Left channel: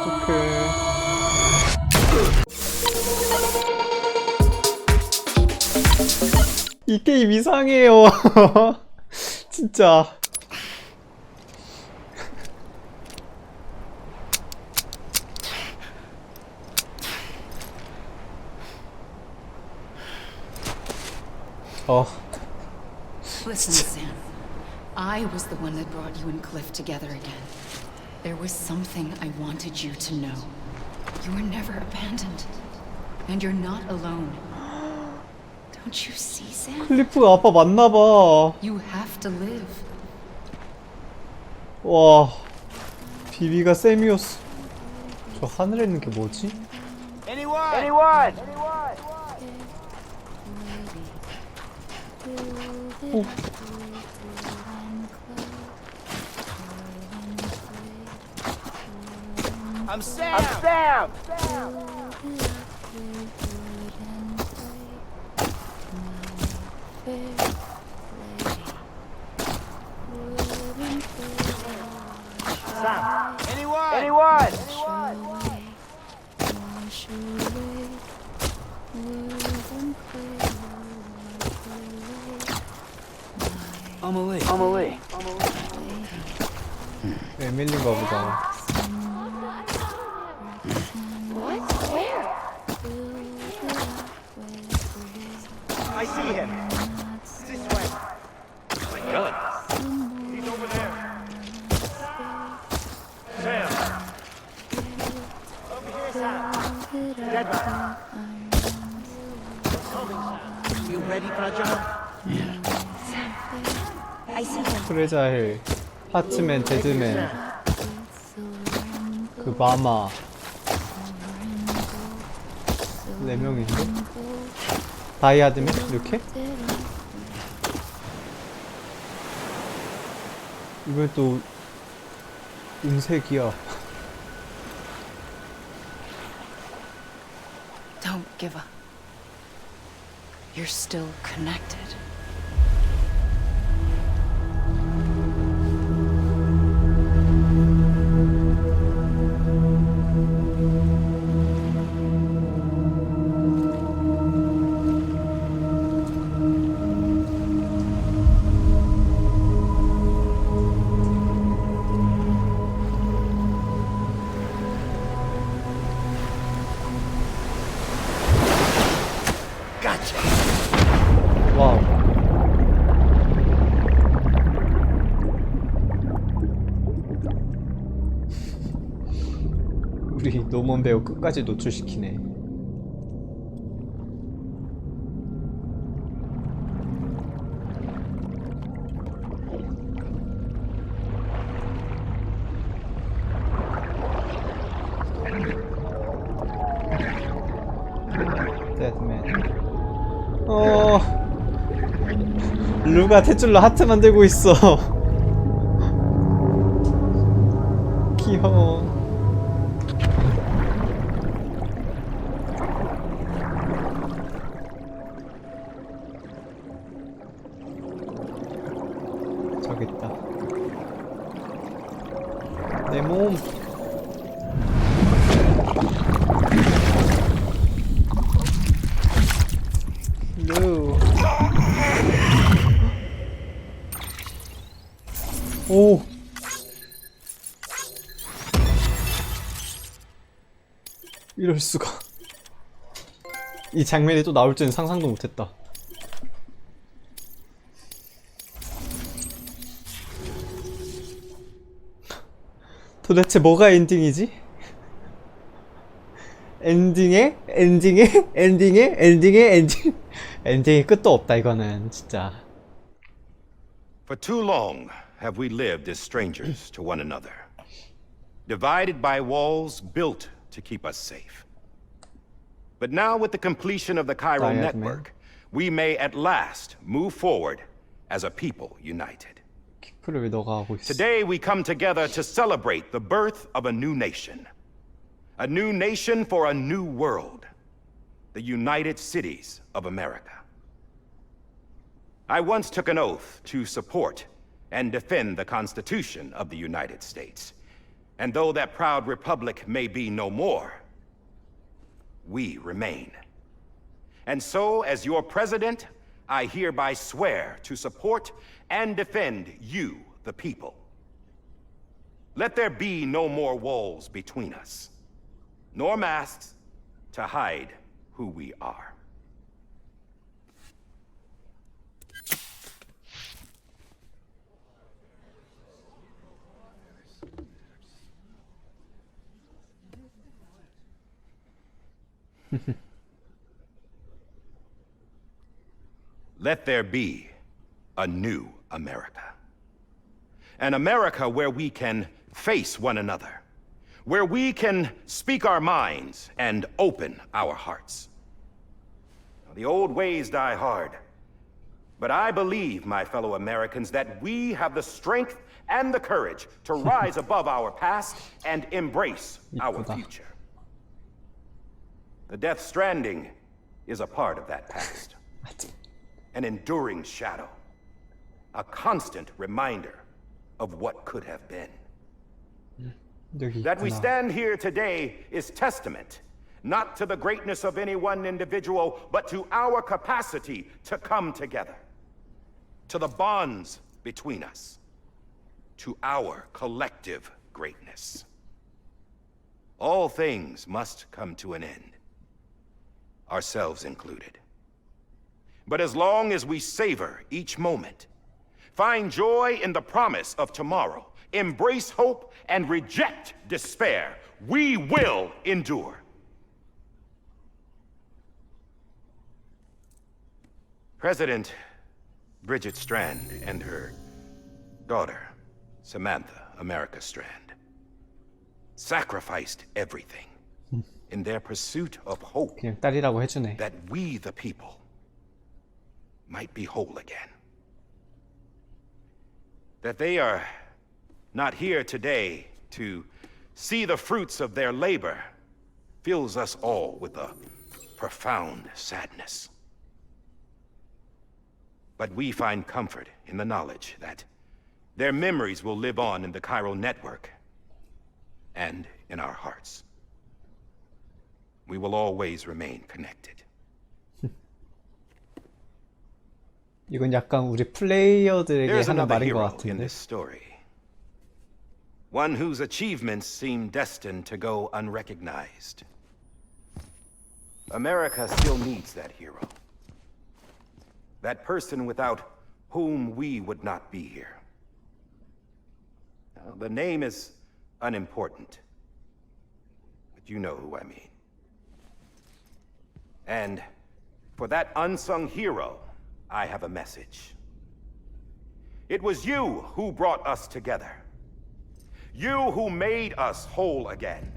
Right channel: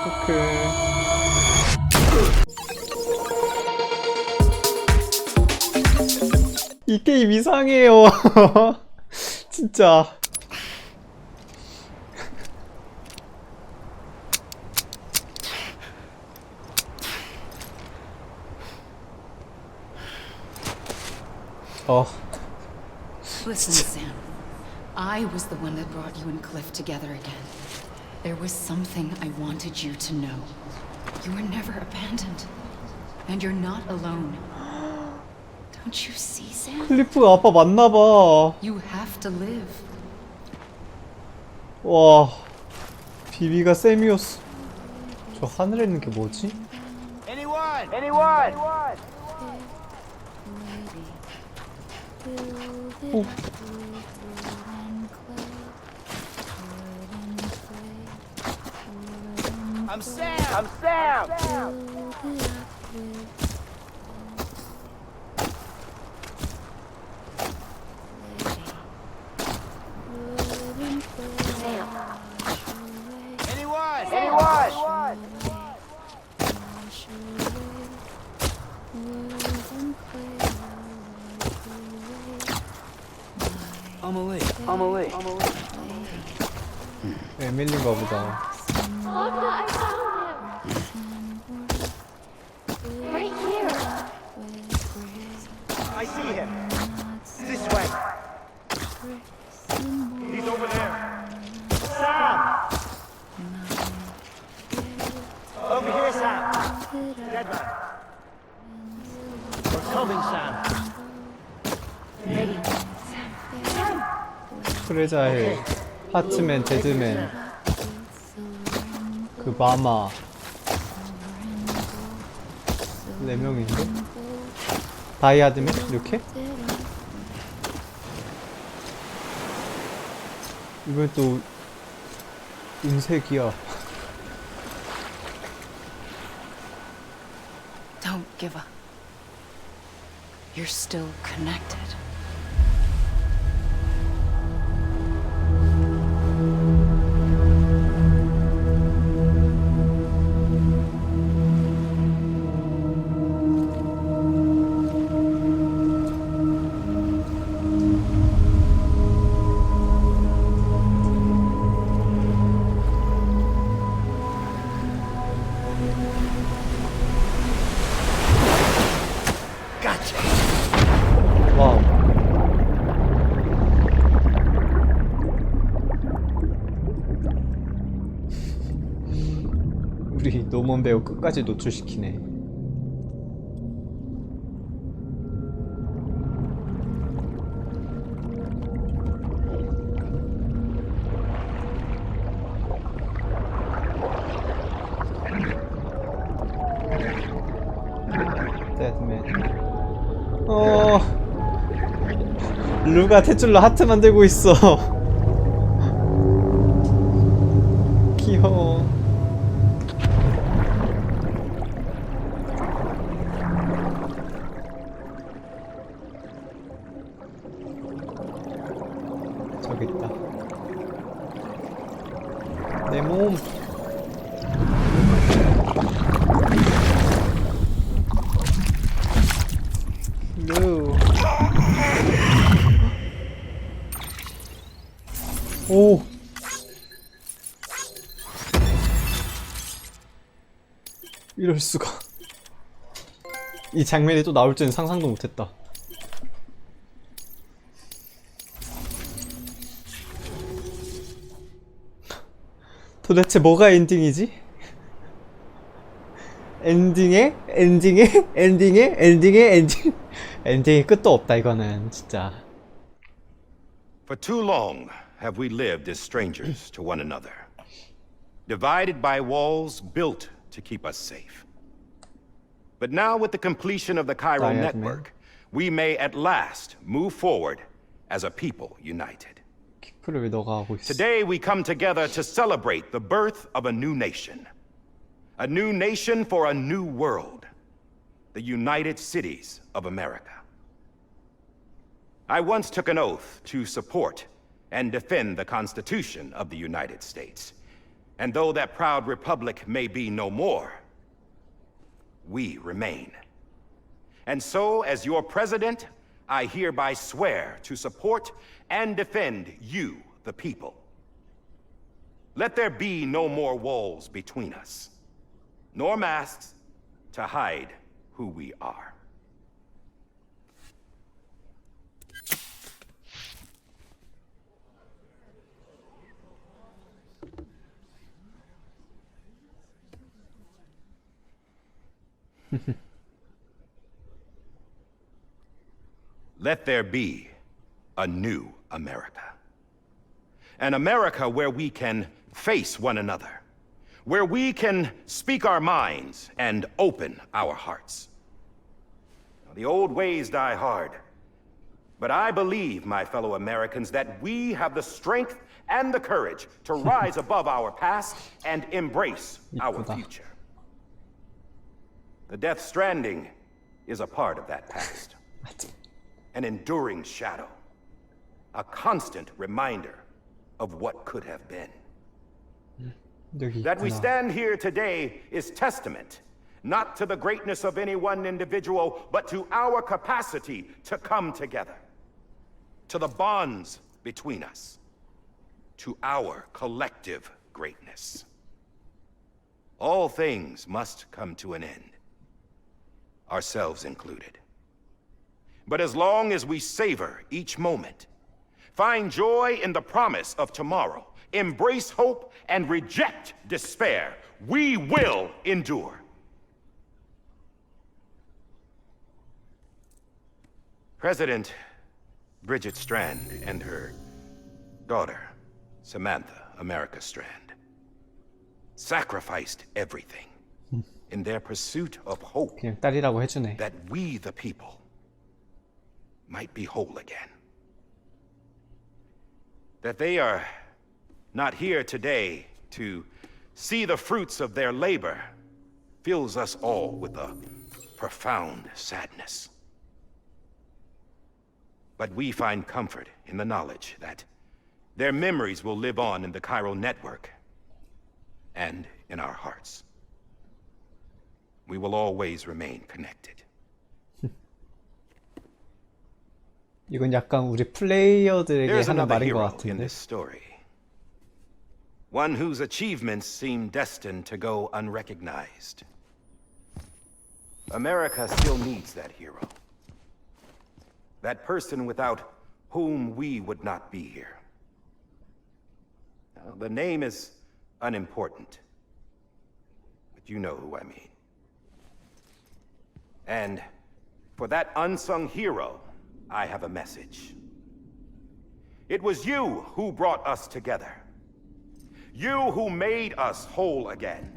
어떡해. 이 게임 이상해요. 진짜. Listen, Sam. I was the one that brought you and Cliff together again. There was something I wanted you to know. You were never abandoned. And you're not alone. Don't you see, Sam? 클리프가 아빠 맞나봐. You have to live. 와, 비비가 쌤이었어. 저 하늘에 있는 게 뭐지? Anyone? 오. I'm Sam. I'm awake. 에밀린가 보다. I see him. This way. Good. He's over there. Sam. Over here, Sam. Dead man. We're coming, Sam. You ready for a job? 프레자일, 하트맨, 데드맨, 그 마마 4명인데? 다이아드맨? 이렇게? 이번 또 은색이야. Don't give up. You're still connected. 와우. 우리 노먼 배우 끝까지 노출시키네. 데드맨. 루가 탯줄로 하트 만들고 있어. 귀여워. 저기 있다. 내 몸. 루. 오. 이럴 수가. 이 장면이 또 나올 줄은 상상도 못했다. 도대체 뭐가 엔딩이지? 엔딩에 엔딩이 끝도 없다 이거는 진짜. For too long have we lived as strangers to one another, divided by walls built to keep us safe. But now with the completion of the chiral network, we may at last move forward as a people united. 키프를 왜 너가 하고 있어? Today we come together to celebrate the birth of a new nation. A new nation for a new world. The United Cities of America. I once took an oath to support and defend the Constitution of the United States. And though that proud republic may be no more, we remain. And so, as your president, I hereby swear to support and defend you, the people. Let there be no more walls between us, nor masks to hide who we are. Let there be a new America. An America where we can face one another, where we can speak our minds and open our hearts. The old ways die hard, but I believe, my fellow Americans, that we have the strength and the courage to rise above our past and embrace our future. The Death Stranding is a part of that past. An enduring shadow. A constant reminder of what could have been. 여기 That we 있구나. stand here today is testament, not to the greatness of any one individual, but to our capacity to come together. To the bonds between us. To our collective greatness. All things must come to an end. Ourselves included. But as long as we savor each moment, find joy in the promise of tomorrow, embrace hope, and reject despair, we will endure. President Bridget Strand and her daughter, Samantha America Strand, sacrificed everything in their pursuit of hope 그냥 딸이라고 해주네. that we, the people, might be whole again. That they are not here today to see the fruits of their labor fills us all with a profound sadness. But we find comfort in the knowledge that their memories will live on in the chiral network and in our hearts. We will always remain connected. 이건 약간 우리 플레이어들에게 There's 하는 another 말인 것 hero in 같은데. this story. One whose achievements seem destined to go unrecognized. America still needs that hero. That person without whom we would not be here. Now, the name is unimportant, but you know who I mean. And for that unsung hero, I have a message. It was you who brought us together. You who made us whole again.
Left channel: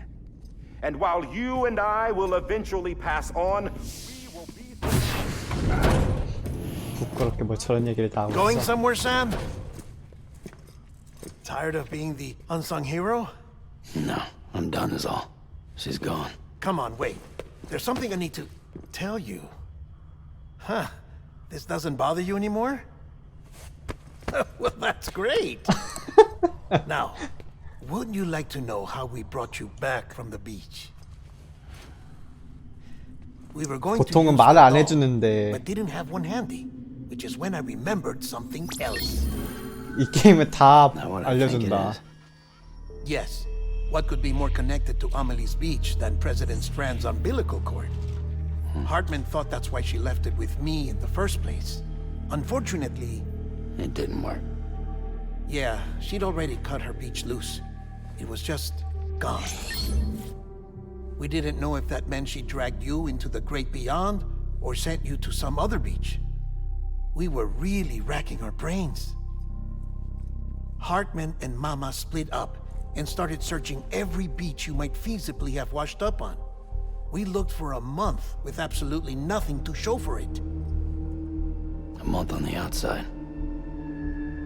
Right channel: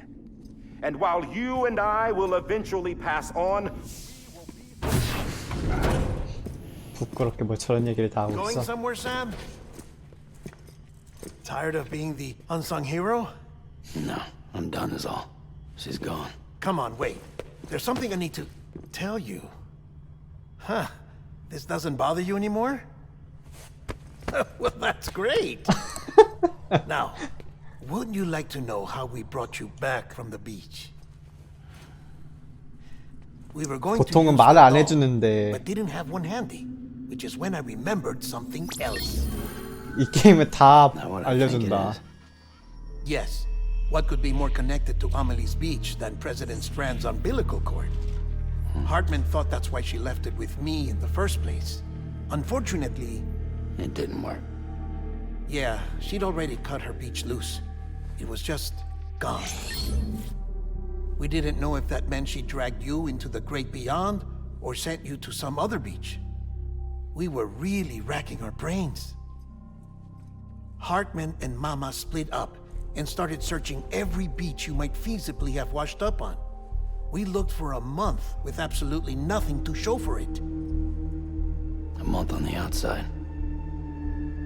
And while you and I will eventually pass on, we will be... 부끄럽게 뭐 저런 얘기를 다 하고 Going 있어. somewhere, Sam? Tired of being the unsung hero? No, I'm done is all. She's gone. Come on, wait. There's something I need to tell you. Huh. This doesn't bother you anymore? Well, that's great. Now, wouldn't you like to know how we brought you back from the beach? We were going to 보통은 use 말을 the 안 doll, 해주는데 but didn't have one handy, which is when I remembered something else. 이 게임은 다 Not what I think it 알려준다. is. Yes. What could be more connected to Amelie's beach than President Strand's umbilical cord? Hartman thought that's why she left it with me in the first place. Unfortunately, It didn't work. yeah, she'd already cut her beach loose. It was just gone. We didn't know if that meant she dragged you into the great beyond or sent you to some other beach. We were really racking our brains. Hartman and Mama split up and started searching every beach you might feasibly have washed up on. We looked for a month with absolutely nothing to show for it. A month on the outside.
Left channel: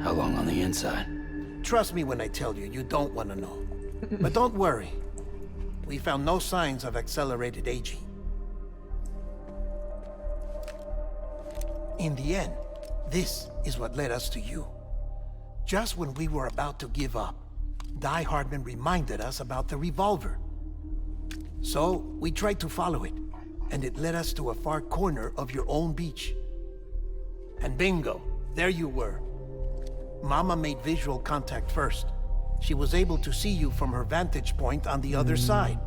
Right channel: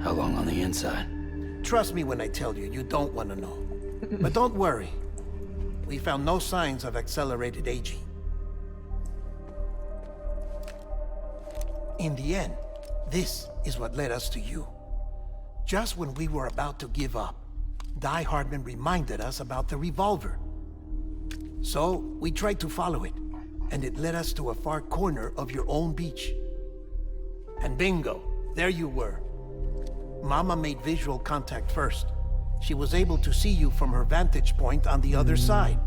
How long on the inside? Trust me when I tell you, you don't want to know. But don't worry. We found no signs of accelerated aging. In the end, this is what led us to you. Just when we were about to give up, Di Hardman reminded us about the revolver. So we tried to follow it, and it led us to a far corner of your own beach. And bingo, there you were. Mama made visual contact first. She was able to see you from her vantage point on the other side.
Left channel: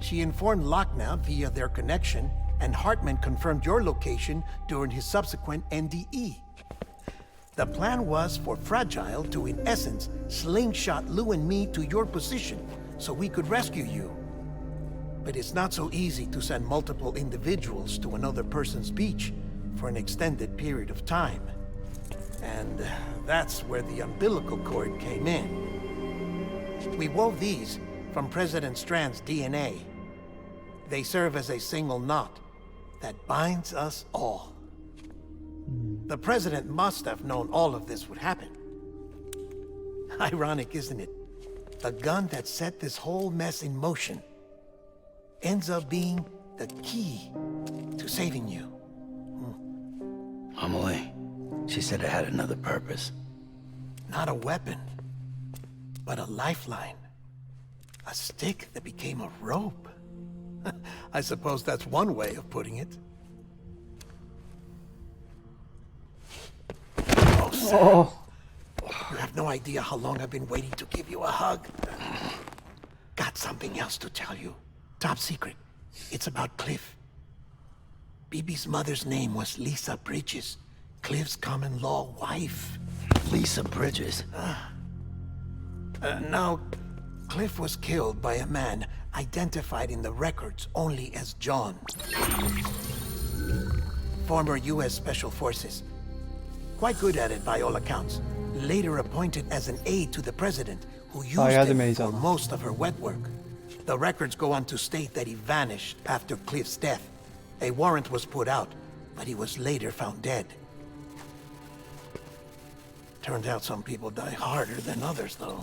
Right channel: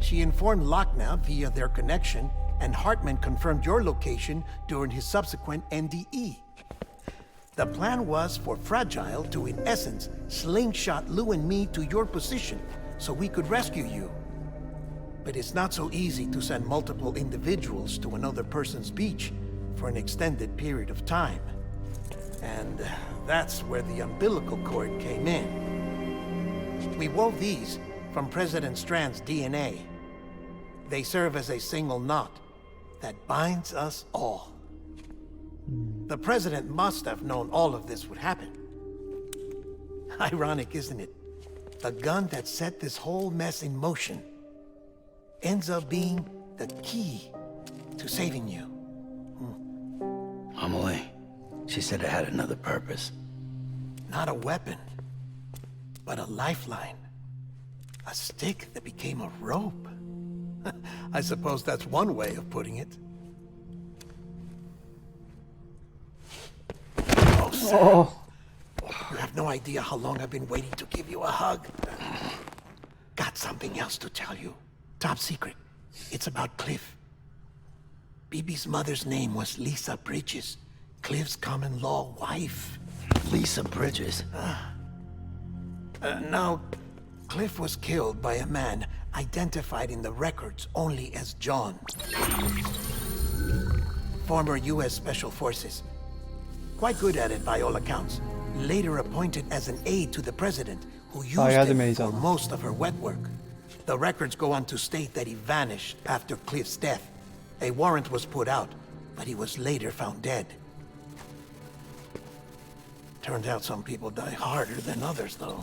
She informed Lochna via their connection, and Hartman confirmed your location during his subsequent NDE. The plan was for Fragile to, in essence, slingshot Lou and me to your position so we could rescue you. But it's not so easy to send multiple individuals to another person's beach for an extended period of time. And that's where the umbilical cord came in. We wove these from President Strand's DNA. They serve as a single knot that binds us all. The President must have known all of this would happen. Ironic, isn't it? The gun that set this whole mess in motion ends up being the key to saving you. Amelie, she said it had another purpose. Not a weapon, but a lifeline. A stick that became a rope. I suppose that's one way of putting it. Oh, Sam. You have no idea how long I've been waiting to give you a hug. Got something else to tell you. Top secret. It's about Cliff. Bibi's mother's name was Lisa Bridges, Cliff's common-law wife. Lisa Bridges. Now, Cliff was killed by a man identified in the records only as John. Former U.S. Special Forces. Quite good at it by all accounts. Later appointed as an aide to the president, who used him for most of her wet work. The records go on to state that he vanished after Cliff's death. A warrant was put out, but he was later found dead. Turned out some people die harder than others, though.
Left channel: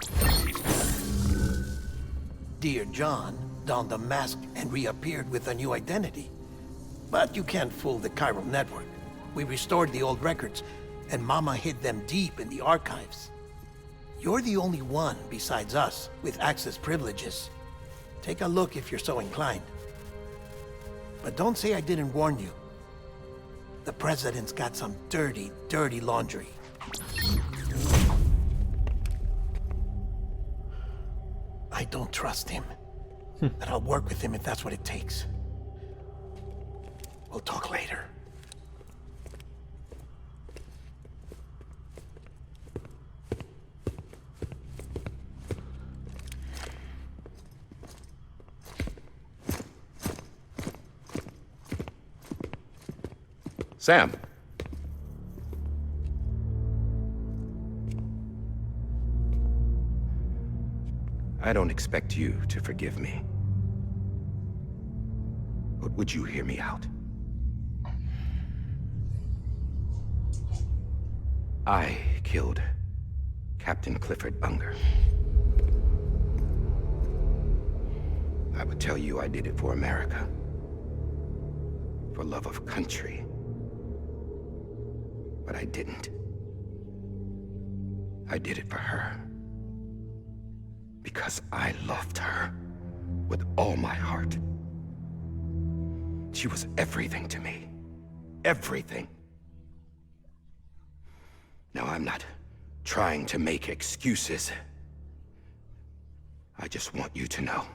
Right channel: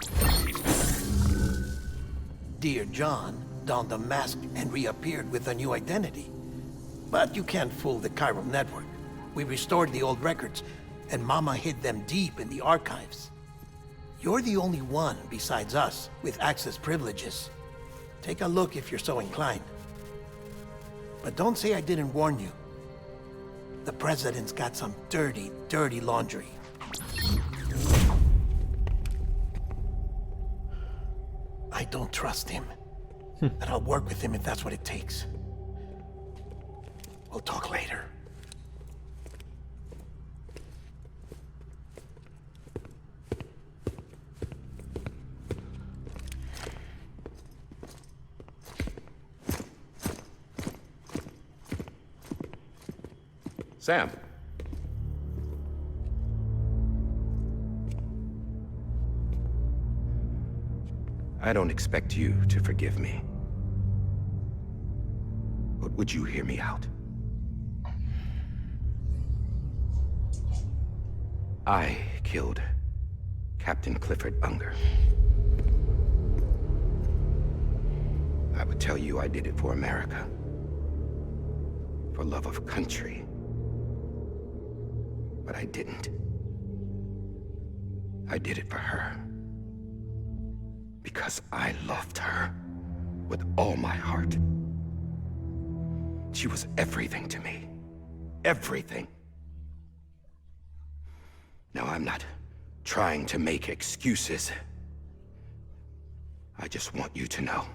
Dear John donned a mask and reappeared with a new identity. But you can't fool the chiral network. We restored the old records, and Mama hid them deep in the archives. You're the only one besides us with access privileges. Take a look if you're so inclined. But don't say I didn't warn you. The president's got some dirty, dirty laundry. I don't trust him. But I'll work with him if that's what it takes. We'll talk later. Sam. I don't expect you to forgive me. But would you hear me out? I killed Captain Clifford Unger. I would tell you I did it for America. For love of country. But I didn't. I did it for her. Because I loved her with all my heart. She was everything to me. Everything. Now, I'm not trying to make excuses. I just want you to know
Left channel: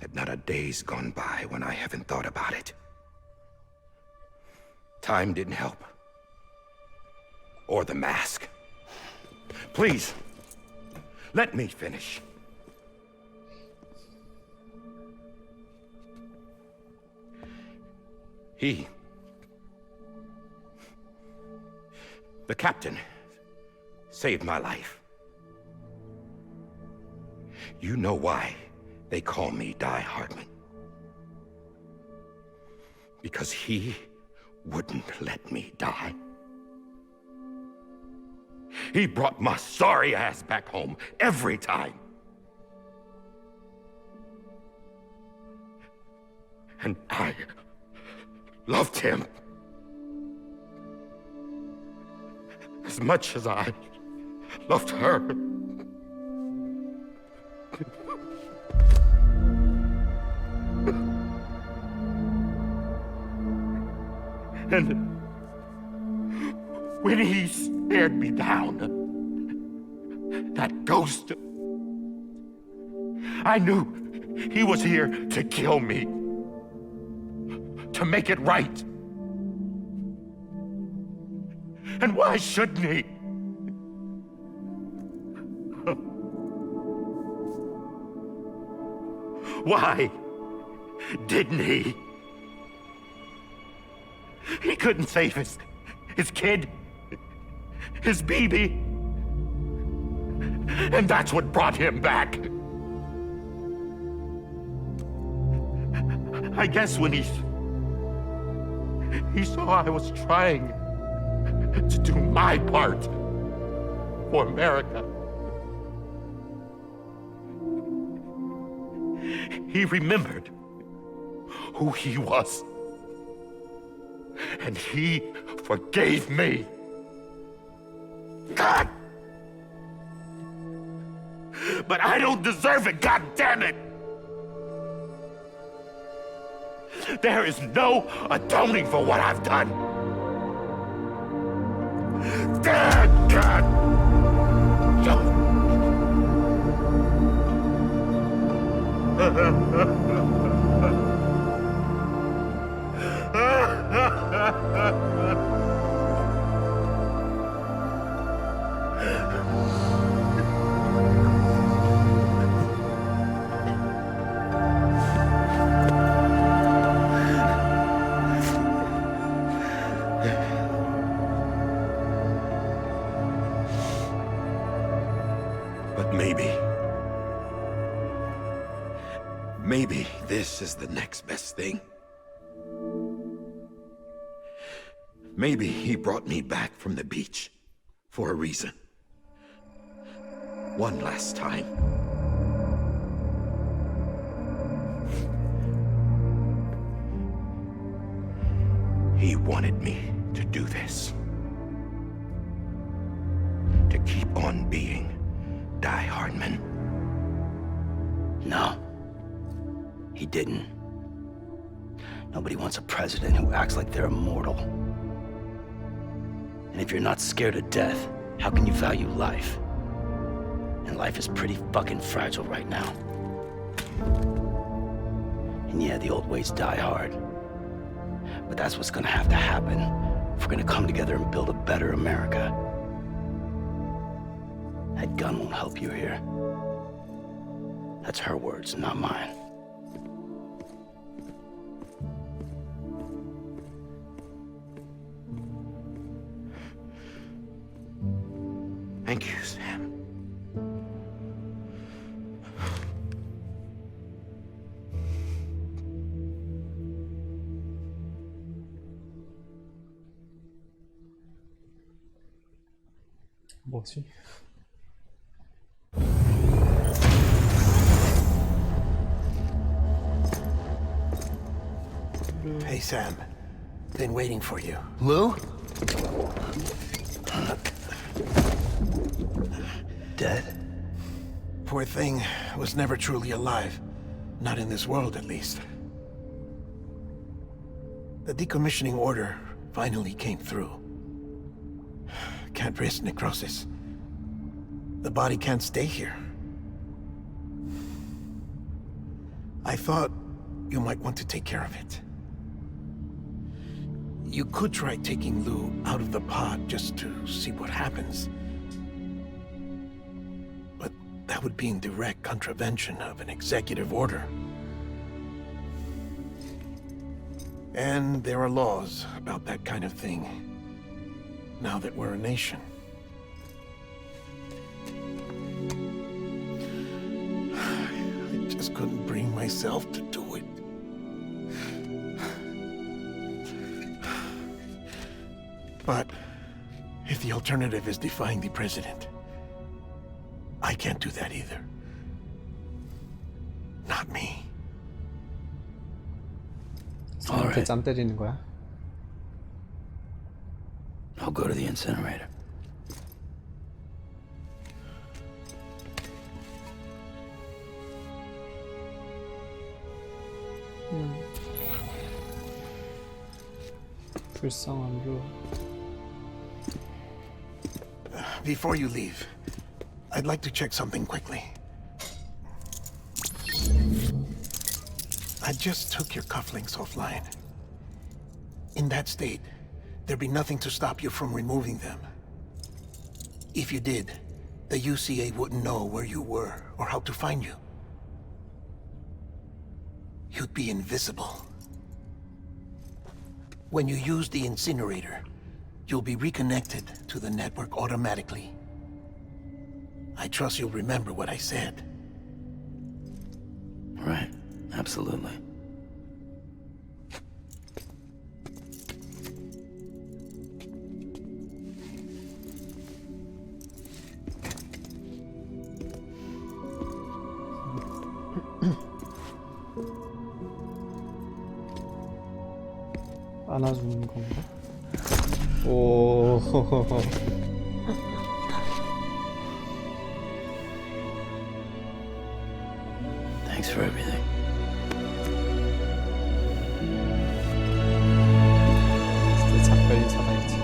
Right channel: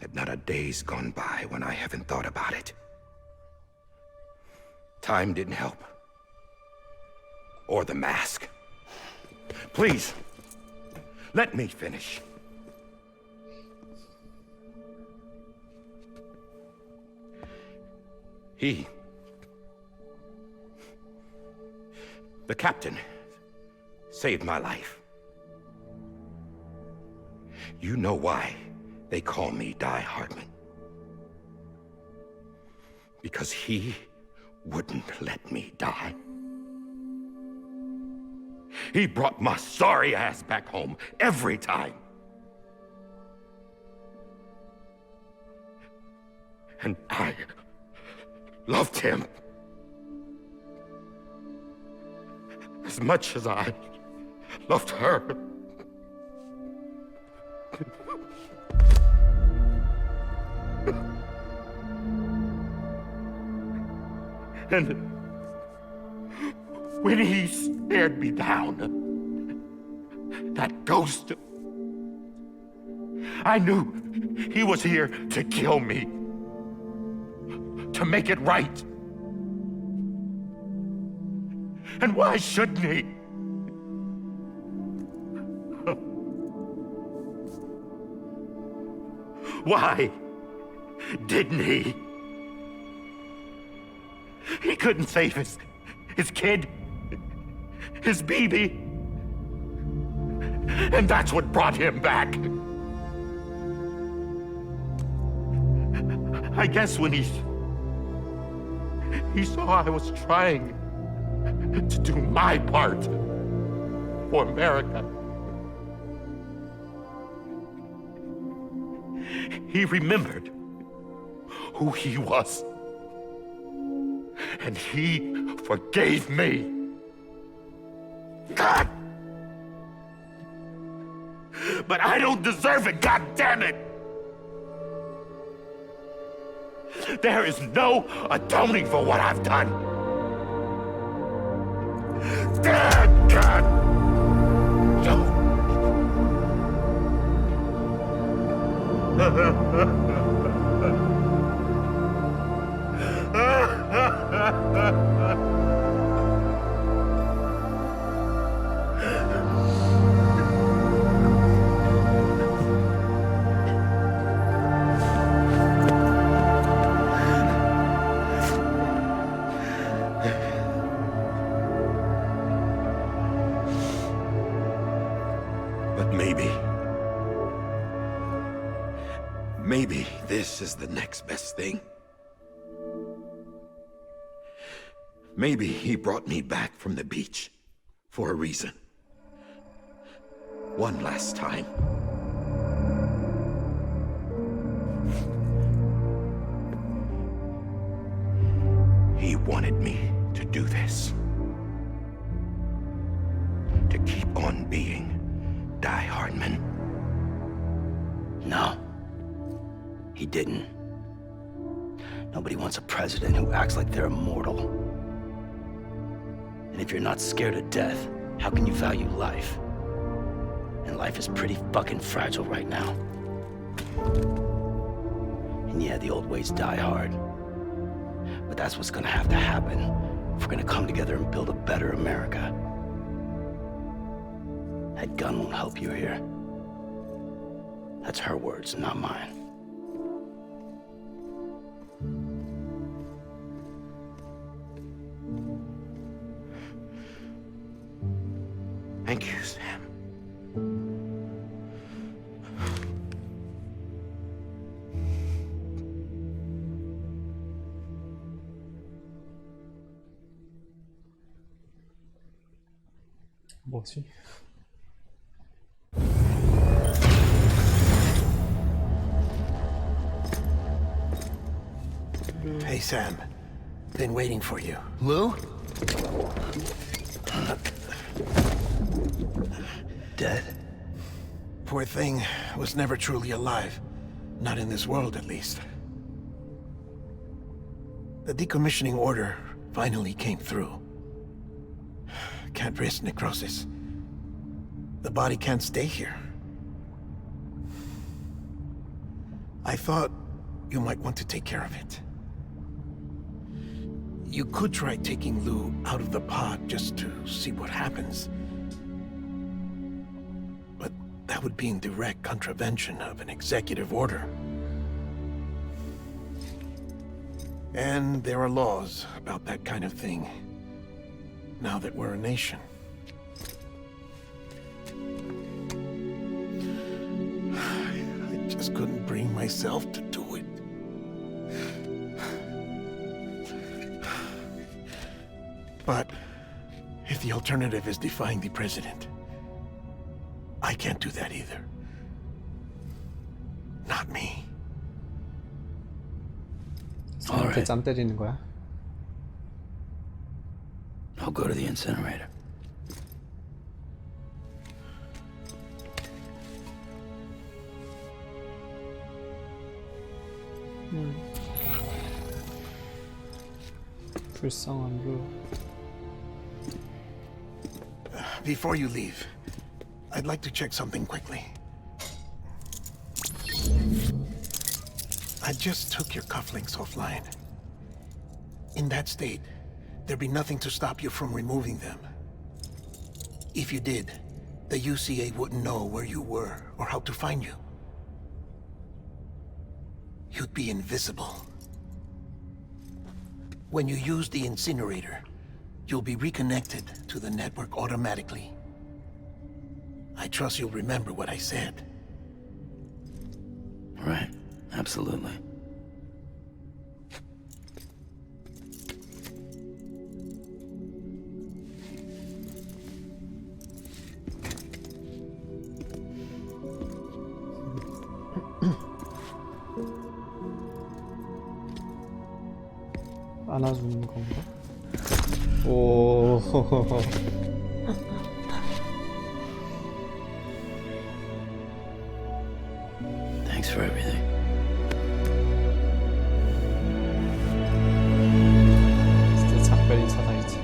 that not a day's gone by when I haven't thought about it. Time didn't help. Or the mask. Please, let me finish. The captain, saved my life. You know why they call me Die Hardman. Because he wouldn't let me die. He brought my sorry ass back home every time. And I loved him as much as I loved her. And when he stared me down, that ghost, I knew he was here to kill me, to make it right. And why shouldn't he? Why didn't he? He couldn't save his kid, his baby. And that's what brought him back. I guess when he saw I was trying to do my part for America, he remembered who he was. And he forgave me. God! But I don't deserve it, God damn it! There is no atoning for what I've done. God! But maybe this is the next best thing. Maybe he brought me back from the beach for a reason. One last time. He wanted me to do this. To keep on being Die Hardman. No, he didn't. Nobody wants a president who acts like they're immortal. And if you're not scared of death, how can you value life? And life is pretty fucking fragile right now. And yeah, the old ways die hard. But that's what's gonna have to happen if we're gonna come together and build a better America. That gun won't help you here. That's her words, not mine. Thank you, Sam. 뭐지? Hey, Sam. Been waiting for you. Lou? Dead? Poor thing was never truly alive. Not in this world, at least. The decommissioning order finally came through. Can't risk necrosis. The body can't stay here. I thought you might want to take care of it. You could try taking Lou out of the pod just to see what happens. But that would be in direct contravention of an executive order. And there are laws about that kind of thing, now that we're a nation. I just couldn't bring myself to do it. But if the alternative is defying the president, I can't do that either. Not me. 이렇게 짬 때리는 거야? I'll go to the incinerator. 불쌍한 루. Before you leave, I'd like to check something quickly. I just took your cufflinks offline. In that state, there'd be nothing to stop you from removing them. If you did, the UCA wouldn't know where you were or how to find you. You'd be invisible. When you use the incinerator, you'll be reconnected to the network automatically. I trust you'll remember what I said. Right. Absolutely. 안아주는 건가? 오. Thanks for everything. 진짜 작별인사다 이제.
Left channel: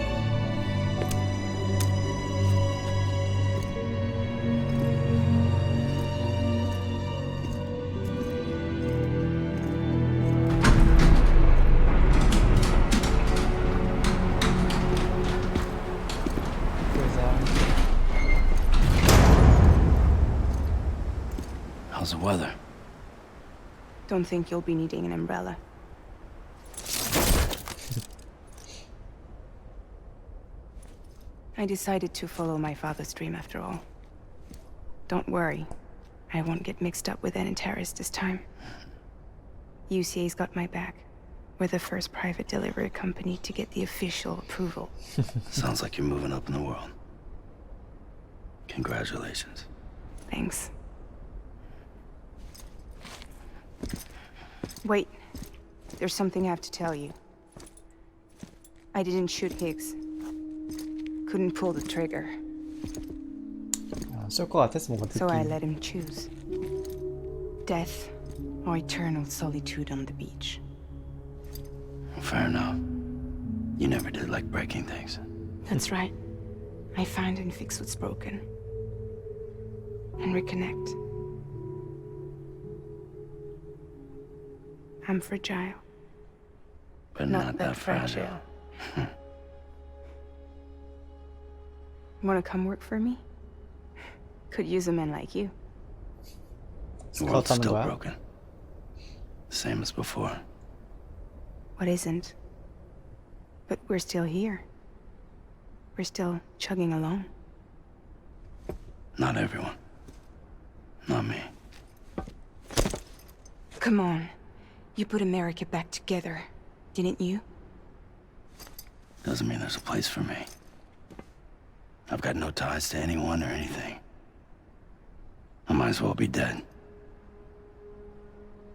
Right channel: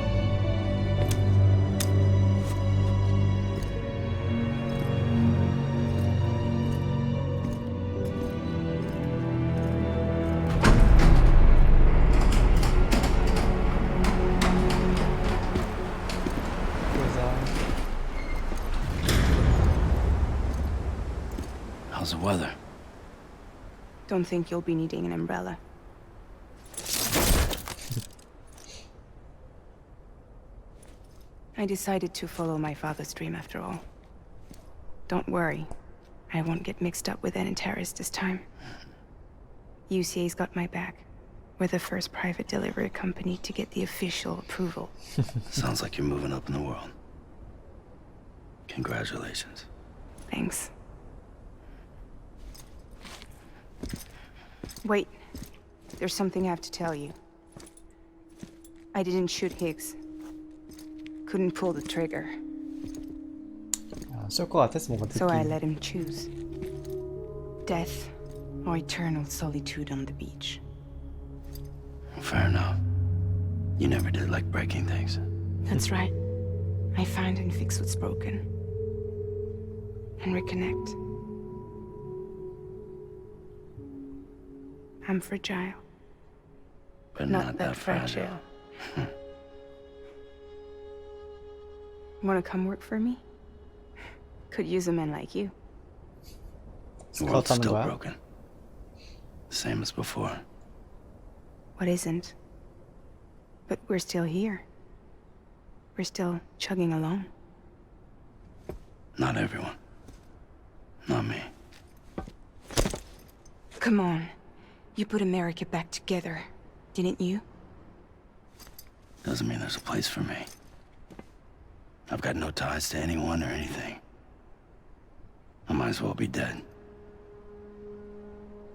How's the weather? Don't think you'll be needing an umbrella. I decided to follow my father's dream after all. Don't worry, I won't get mixed up with any terrorists this time. UCA's got my back. We're the first private delivery company to get the official approval. Sounds like you're moving up in the world. Congratulations. Thanks. Wait, there's something I have to tell you. I didn't shoot Higgs. Couldn't pull the trigger. 쏠 것 같았어 뭔가 So I 느낌. let him choose. Death or eternal solitude on the beach. Fair enough. You never did like breaking things. That's right. I find and fix what's broken. And reconnect. I'm fragile. But not that fragile. Wanna come work for me? Could use a man like you. The world's 스카우트하는 still 거야? broken. Same as before. What isn't? But we're still here. We're still chugging along. Not everyone. Not me. Come on. You put America back together, didn't you? Doesn't mean there's a place for me. I've got no ties to anyone or anything. I might as well be dead.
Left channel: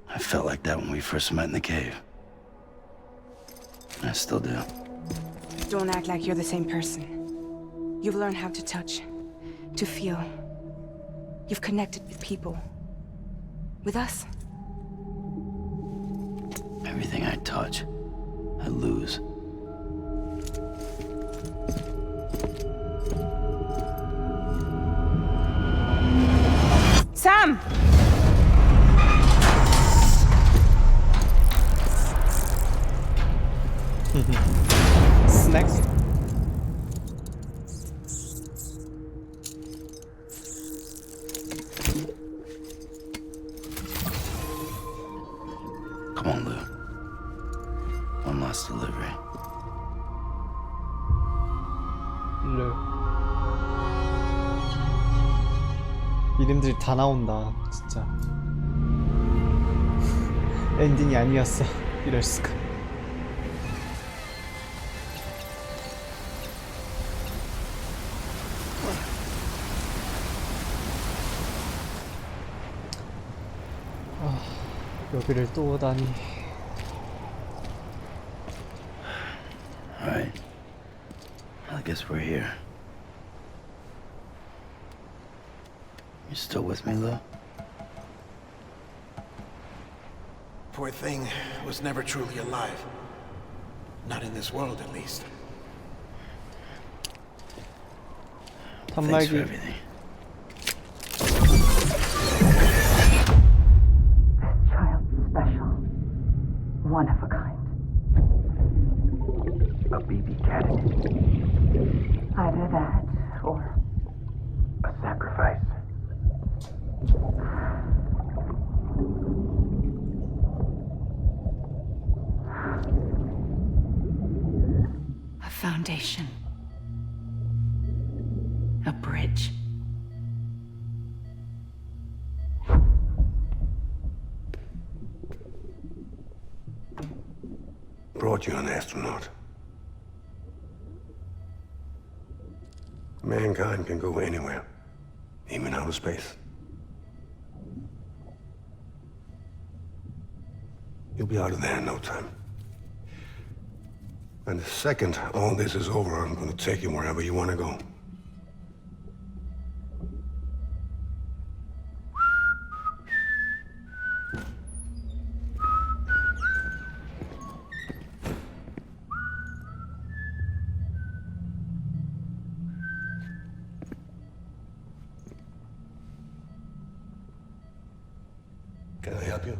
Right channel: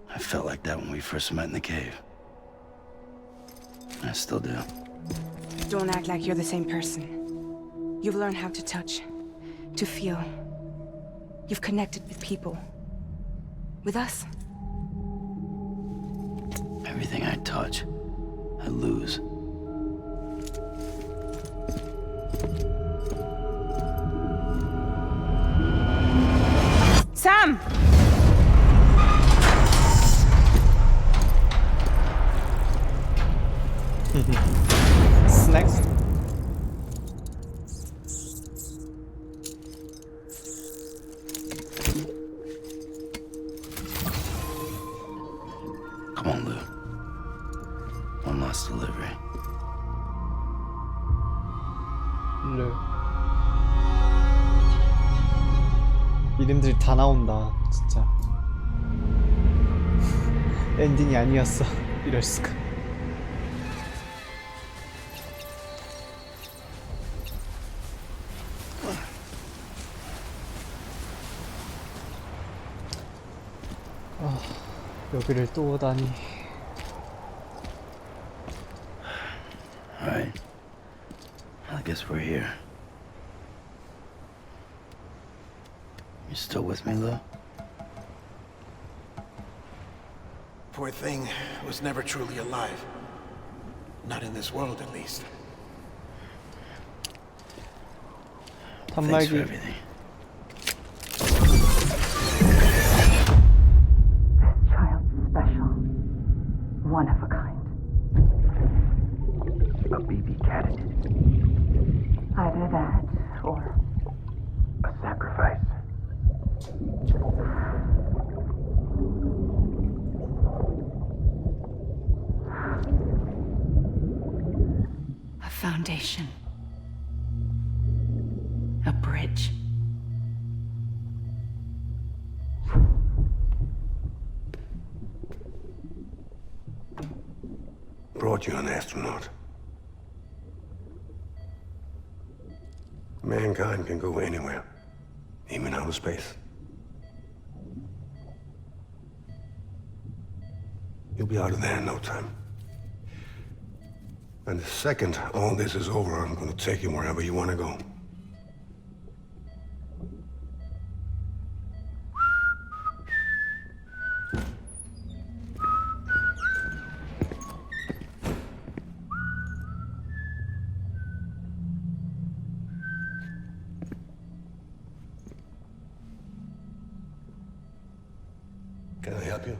I felt like that when we first met in the cave. I still do. Don't act like you're the same person. You've learned how to touch, to feel. You've connected with people. With us. Everything I touch, I lose. Sam! 스낵? Come on, Lou. One last delivery. 르. 이름들이 다 나온다 진짜. 엔딩이 아니었어. 이럴 수가. 여기를 또 오다니. Alright. I guess we're here. You still with me, Lou? Poor thing was never truly alive. Not in this world, at least. Thanks for 단말기. everything. Child special. One of a kind. A BB candidate. Either that or A sacrifice. A foundation. A bridge. Brought you an astronaut. Mankind can go anywhere, even outer space. You'll be out of there in no time. And the second all this is over, I'm gonna take you wherever you wanna go. Can I help you?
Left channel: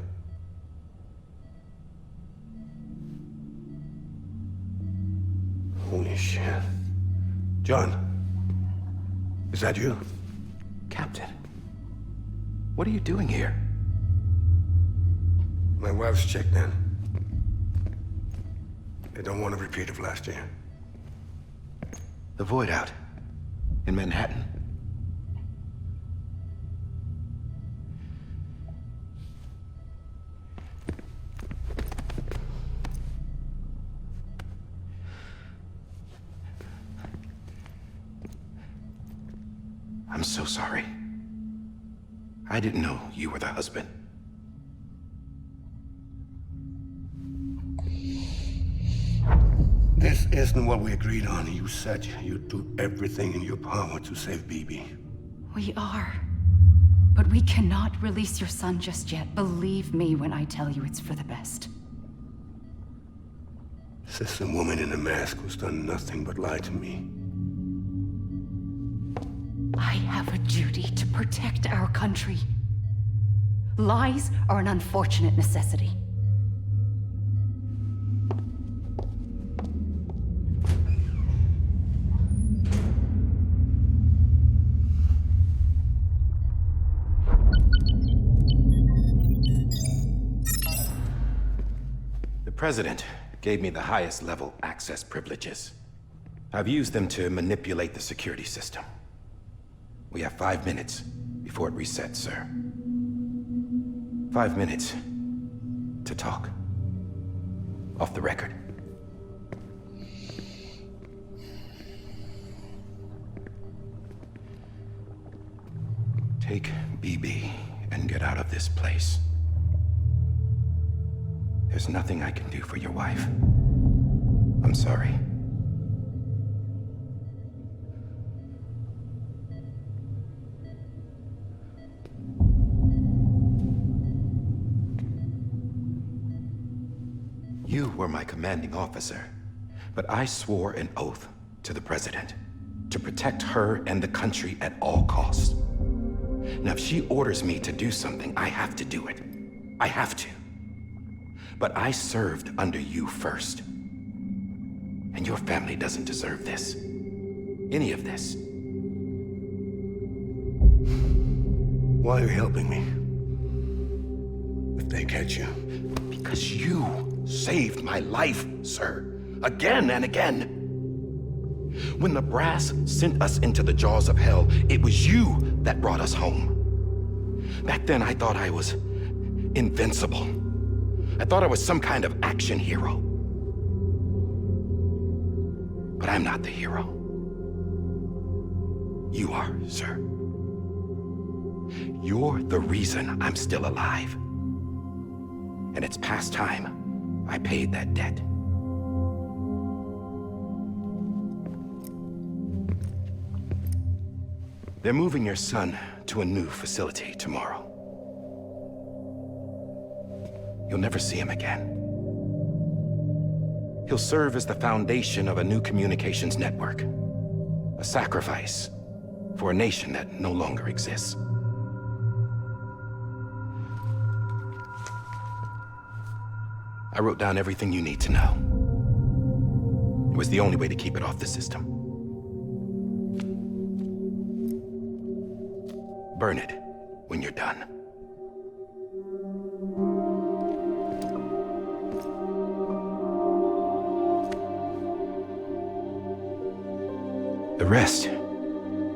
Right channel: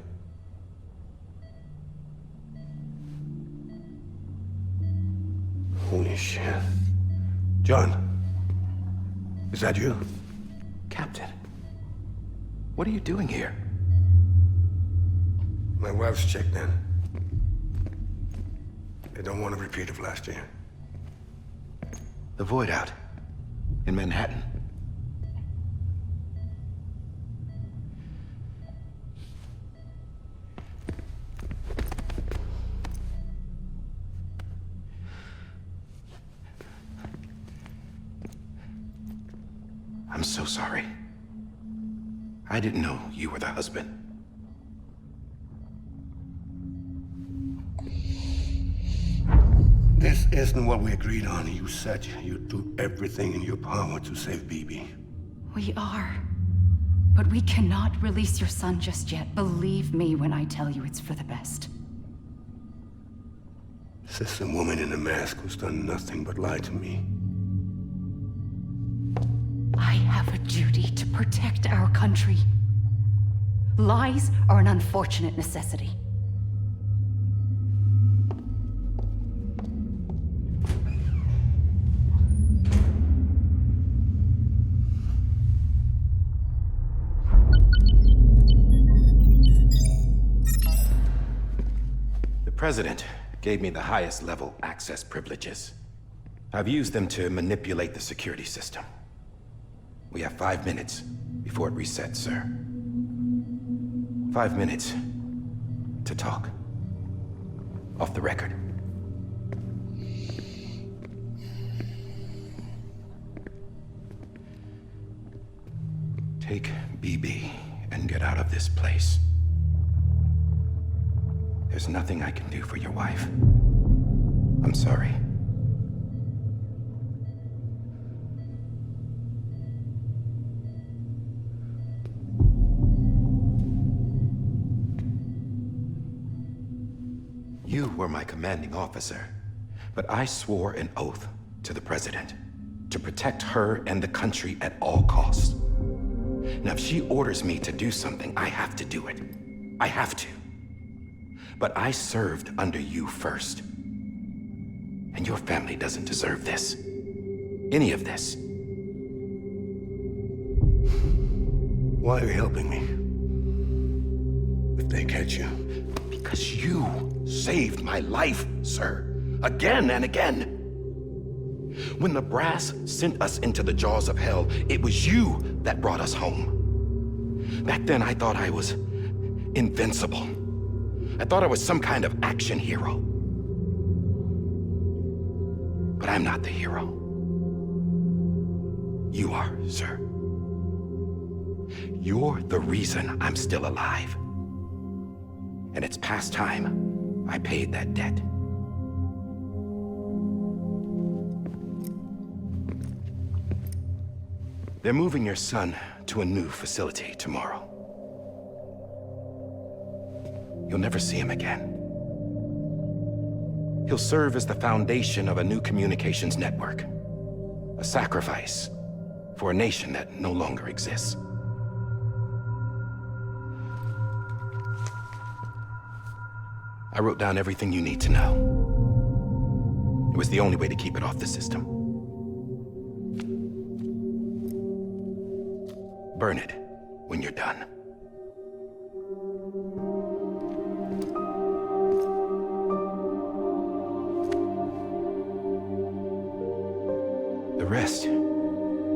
Holy shit. John, is that you? Captain, what are you doing here? My wife's checked in. They don't want a repeat of last year. The void out in Manhattan. I'm so sorry. I didn't know you were the husband. This isn't what we agreed on. You said you'd do everything in your power to save BB. We are. But we cannot release your son just yet. Believe me when I tell you it's for the best. This is a woman in a mask who's done nothing but lie to me. I have a duty to protect our country. Lies are an unfortunate necessity. The President gave me the highest level access privileges. I've used them to manipulate the security system. We have 5 minutes before it resets, sir. 5 minutes to talk. Off the record. Take BB and get out of this place. There's nothing I can do for your wife. I'm sorry. You were my commanding officer, but I swore an oath to the President to protect her and the country at all costs. Now, if she orders me to do something, I have to do it. I have to. But I served under you first. And your family doesn't deserve this. Any of this. Why are you helping me? If they catch you. Because you saved my life, sir. Again and again. When the brass sent us into the jaws of hell, it was you that brought us home. Back then, I thought I was invincible. I thought I was some kind of action hero. But I'm not the hero. You are, sir. You're the reason I'm still alive. And it's past time I paid that debt. They're moving your son to a new facility tomorrow. You'll never see him again. He'll serve as the foundation of a new communications network. A sacrifice for a nation that no longer exists. I wrote down everything you need to know. It was the only way to keep it off the system. Burn it when you're done. The rest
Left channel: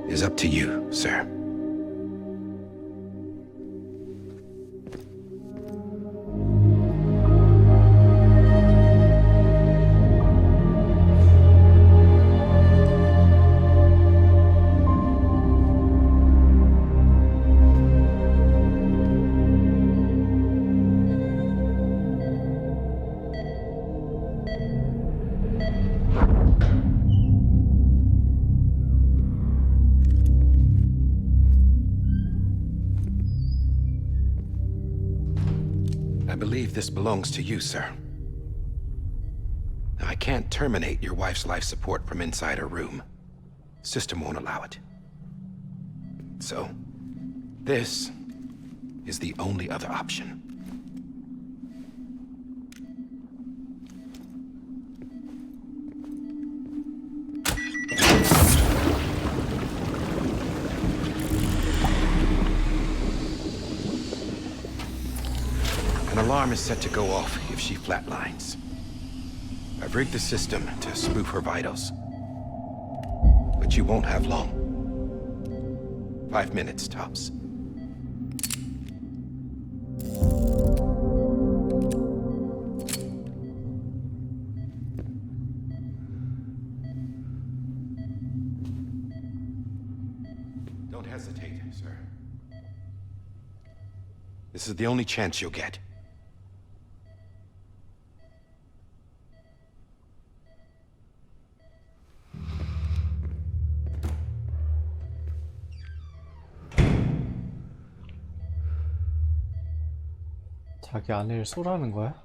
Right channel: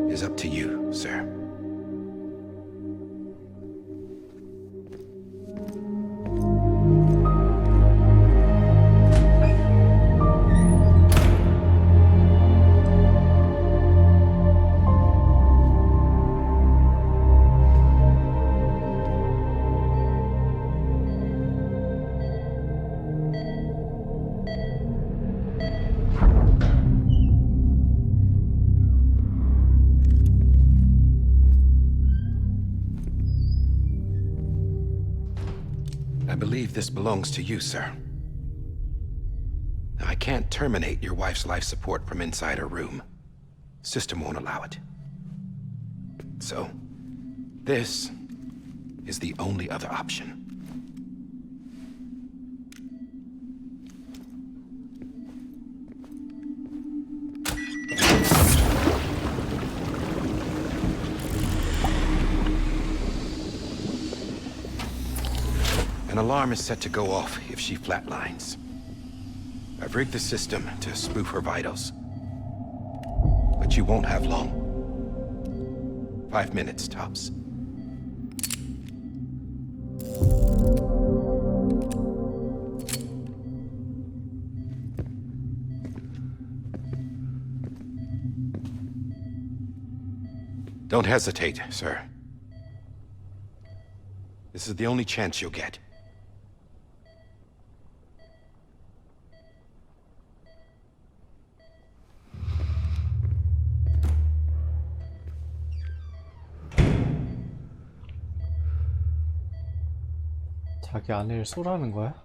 is up to you, sir. I believe this belongs to you, sir. Now, I can't terminate your wife's life support from inside her room. System won't allow it. So, this is the only other option. An alarm is set to go off if she flatlines. I've rigged the system to spoof her vitals. But you won't have long. 5 minutes, tops. Don't hesitate, sir. This is the only chance you'll get. 자기 아내를 쏘라는 거야?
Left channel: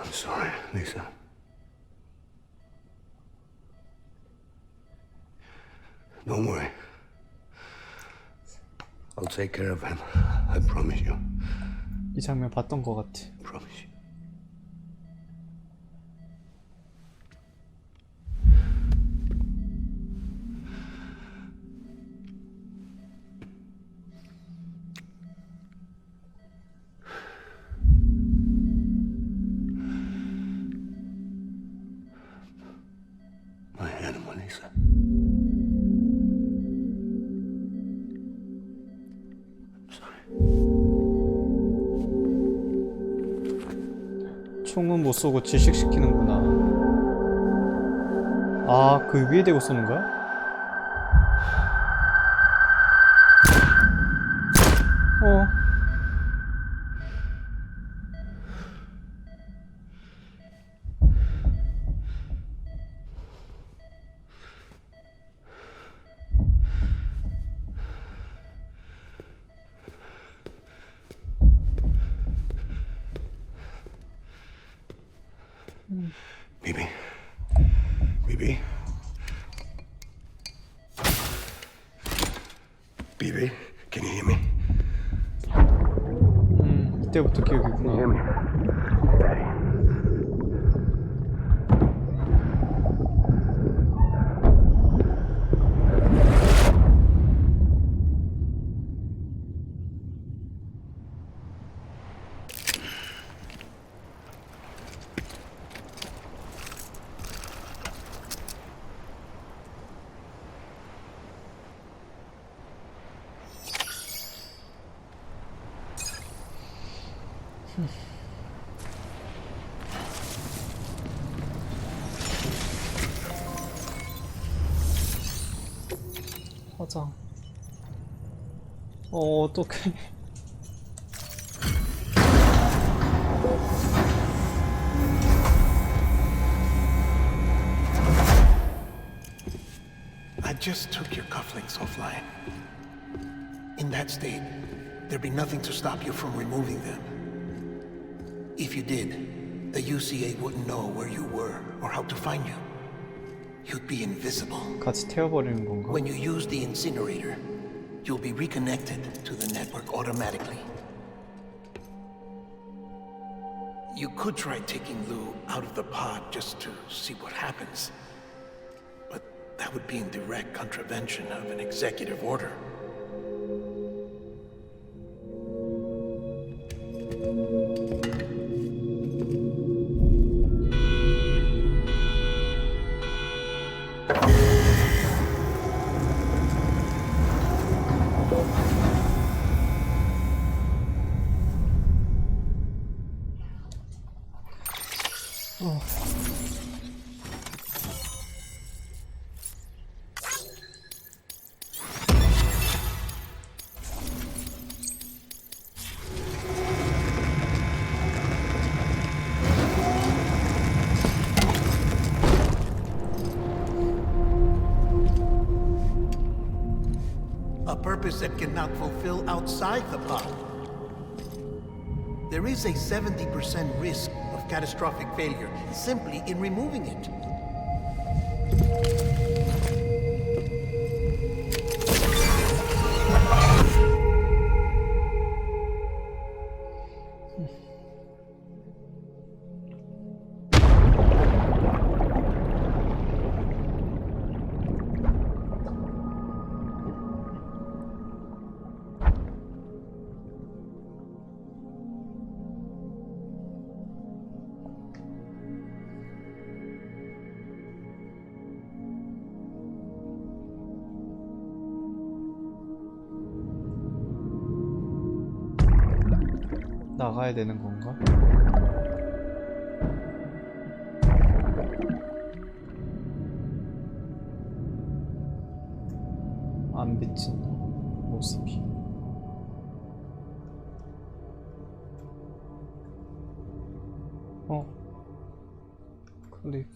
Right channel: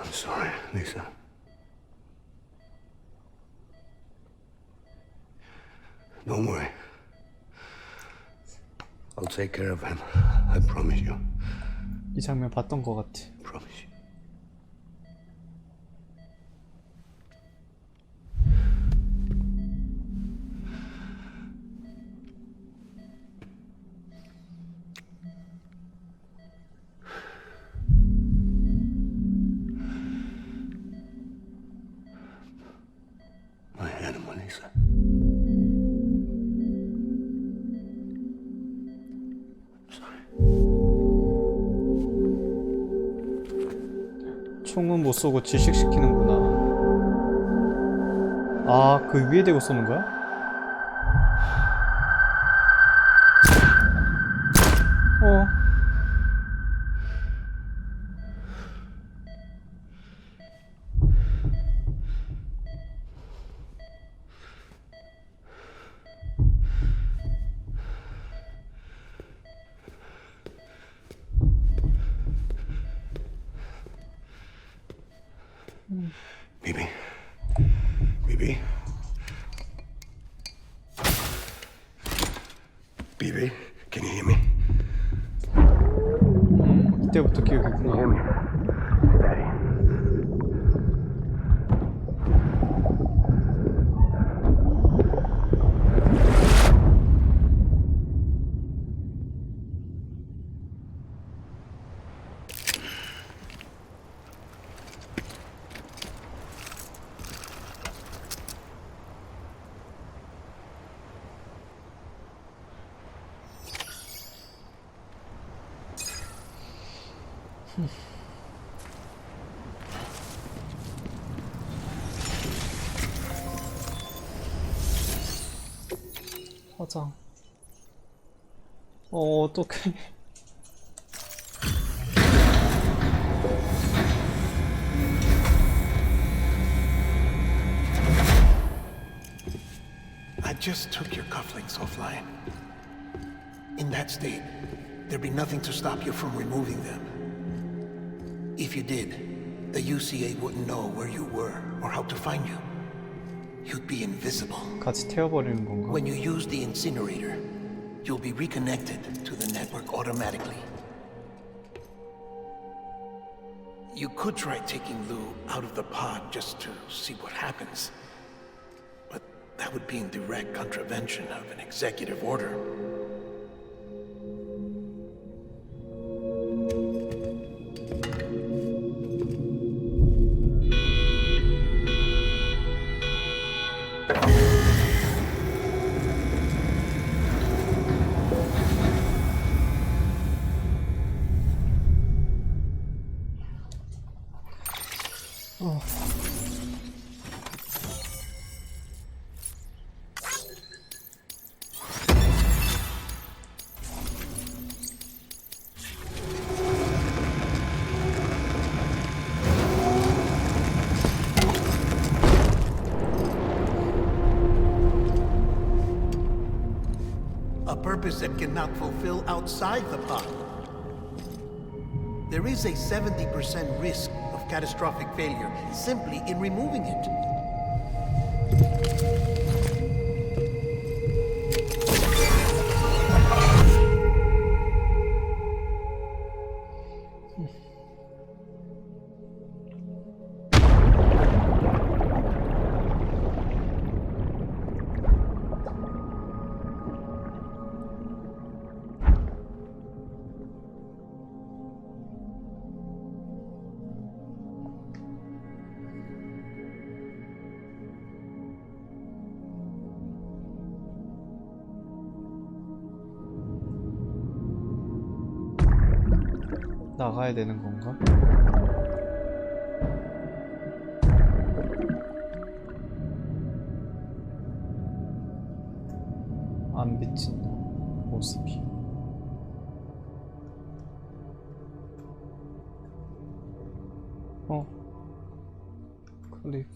I'm sorry, Lisa. Don't worry. I'll take care of him. I promise you. 이 장면 봤던 것 같아. Promise you. My animal, Lisa. 총은 못 쏘고 질식시키는구나. 아, 그 위에 대고 쏘는 거야? 어. Bibi. Bibi. Bibi, can you hear me? 이때부터 기억이구나. Hear me? Daddy. 화장. 어떡해. I just took your cufflinks offline. In that state, there'd be nothing to stop you from removing them. If you did, the UCA wouldn't know where you were or how to find you. You'd be invisible. 같이 태워버리는 건가? When you use the incinerator, you'll be reconnected to the network automatically. You could try taking Lou out of the pod just to see what happens. But that would be in direct contravention of an executive order. A purpose that cannot fulfill outside the pod. There is a 70% risk of catastrophic failure simply in removing it. 나가야 되는 건가? 안 비친다, 모습이. 클립.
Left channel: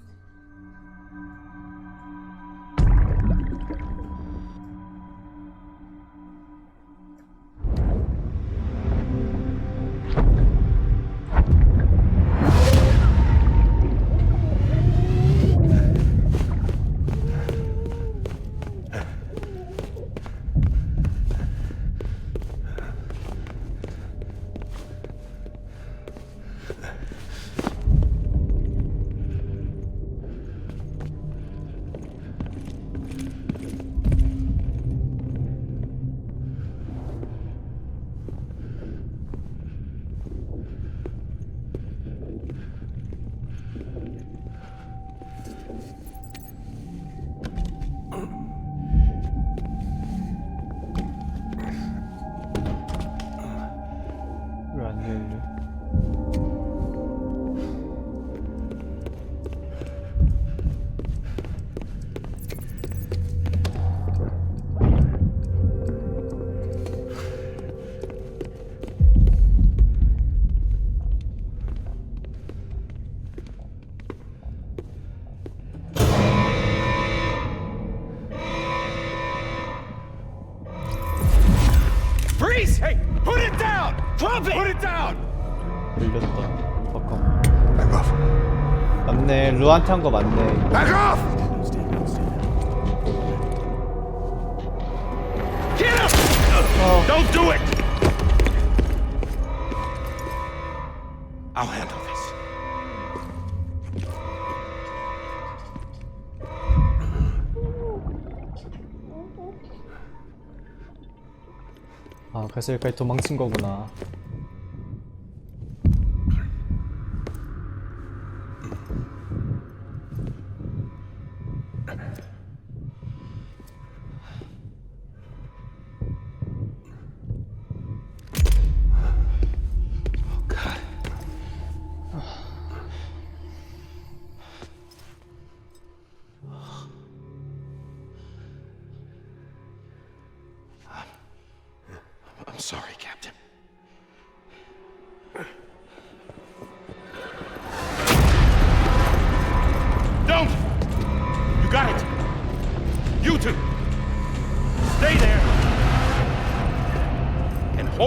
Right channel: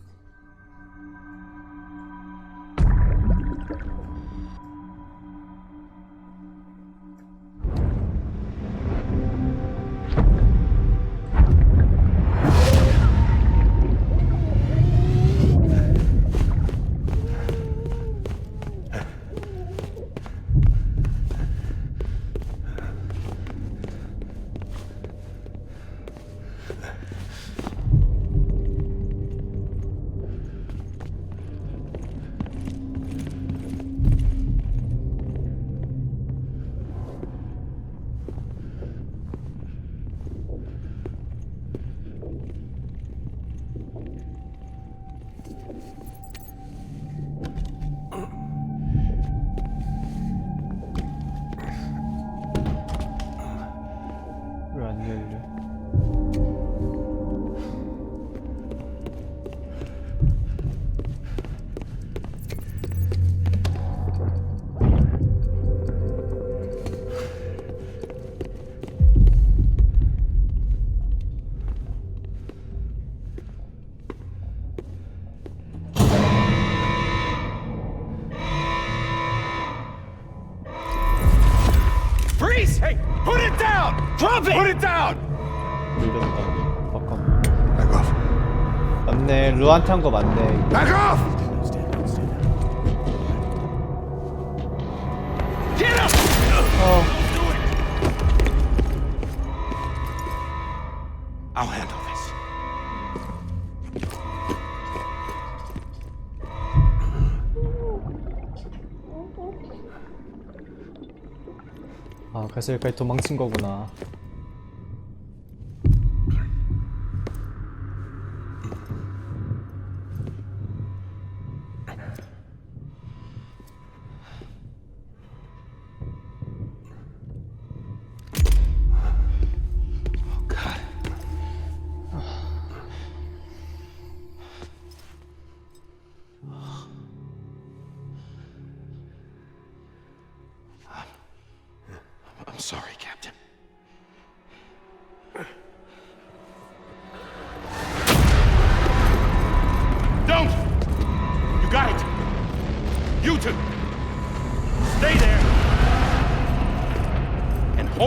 왜 안 열려? Freeze! Hey, put it down! Drop it! Put it down! 밀렸다. 잠깐만. Back off. 맞네. 루한테 한 거 맞네. 이거. Back off! Get up! Don't do it! I'll handle this. 아, 그래서 여기까지 도망친 거구나. God.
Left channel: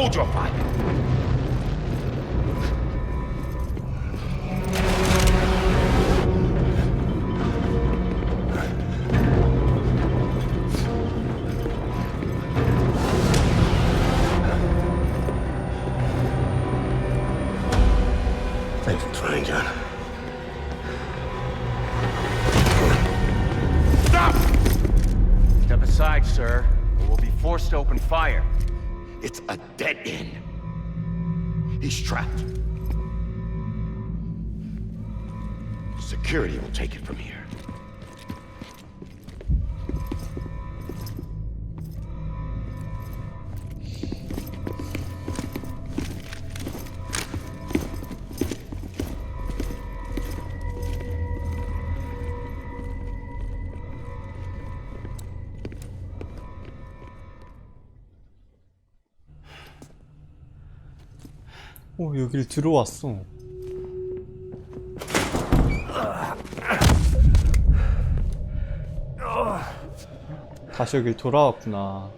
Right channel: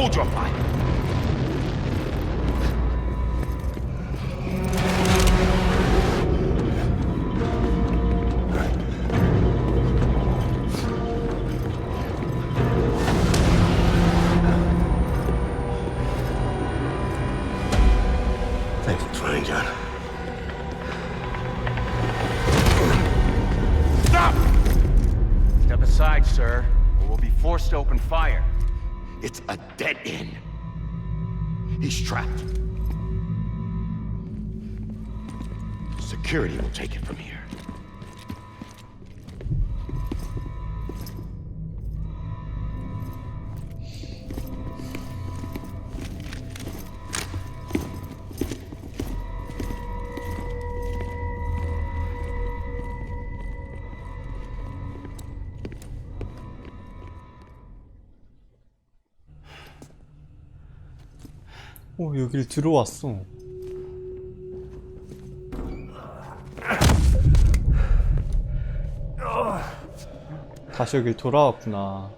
hold your fire. Thanks for trying, John. Stop! Step aside, sir, or we'll be forced to open fire. It's a dead end. He's trapped. Security will take it from here. 오, 여길 들어왔어. 다시 여길 돌아왔구나.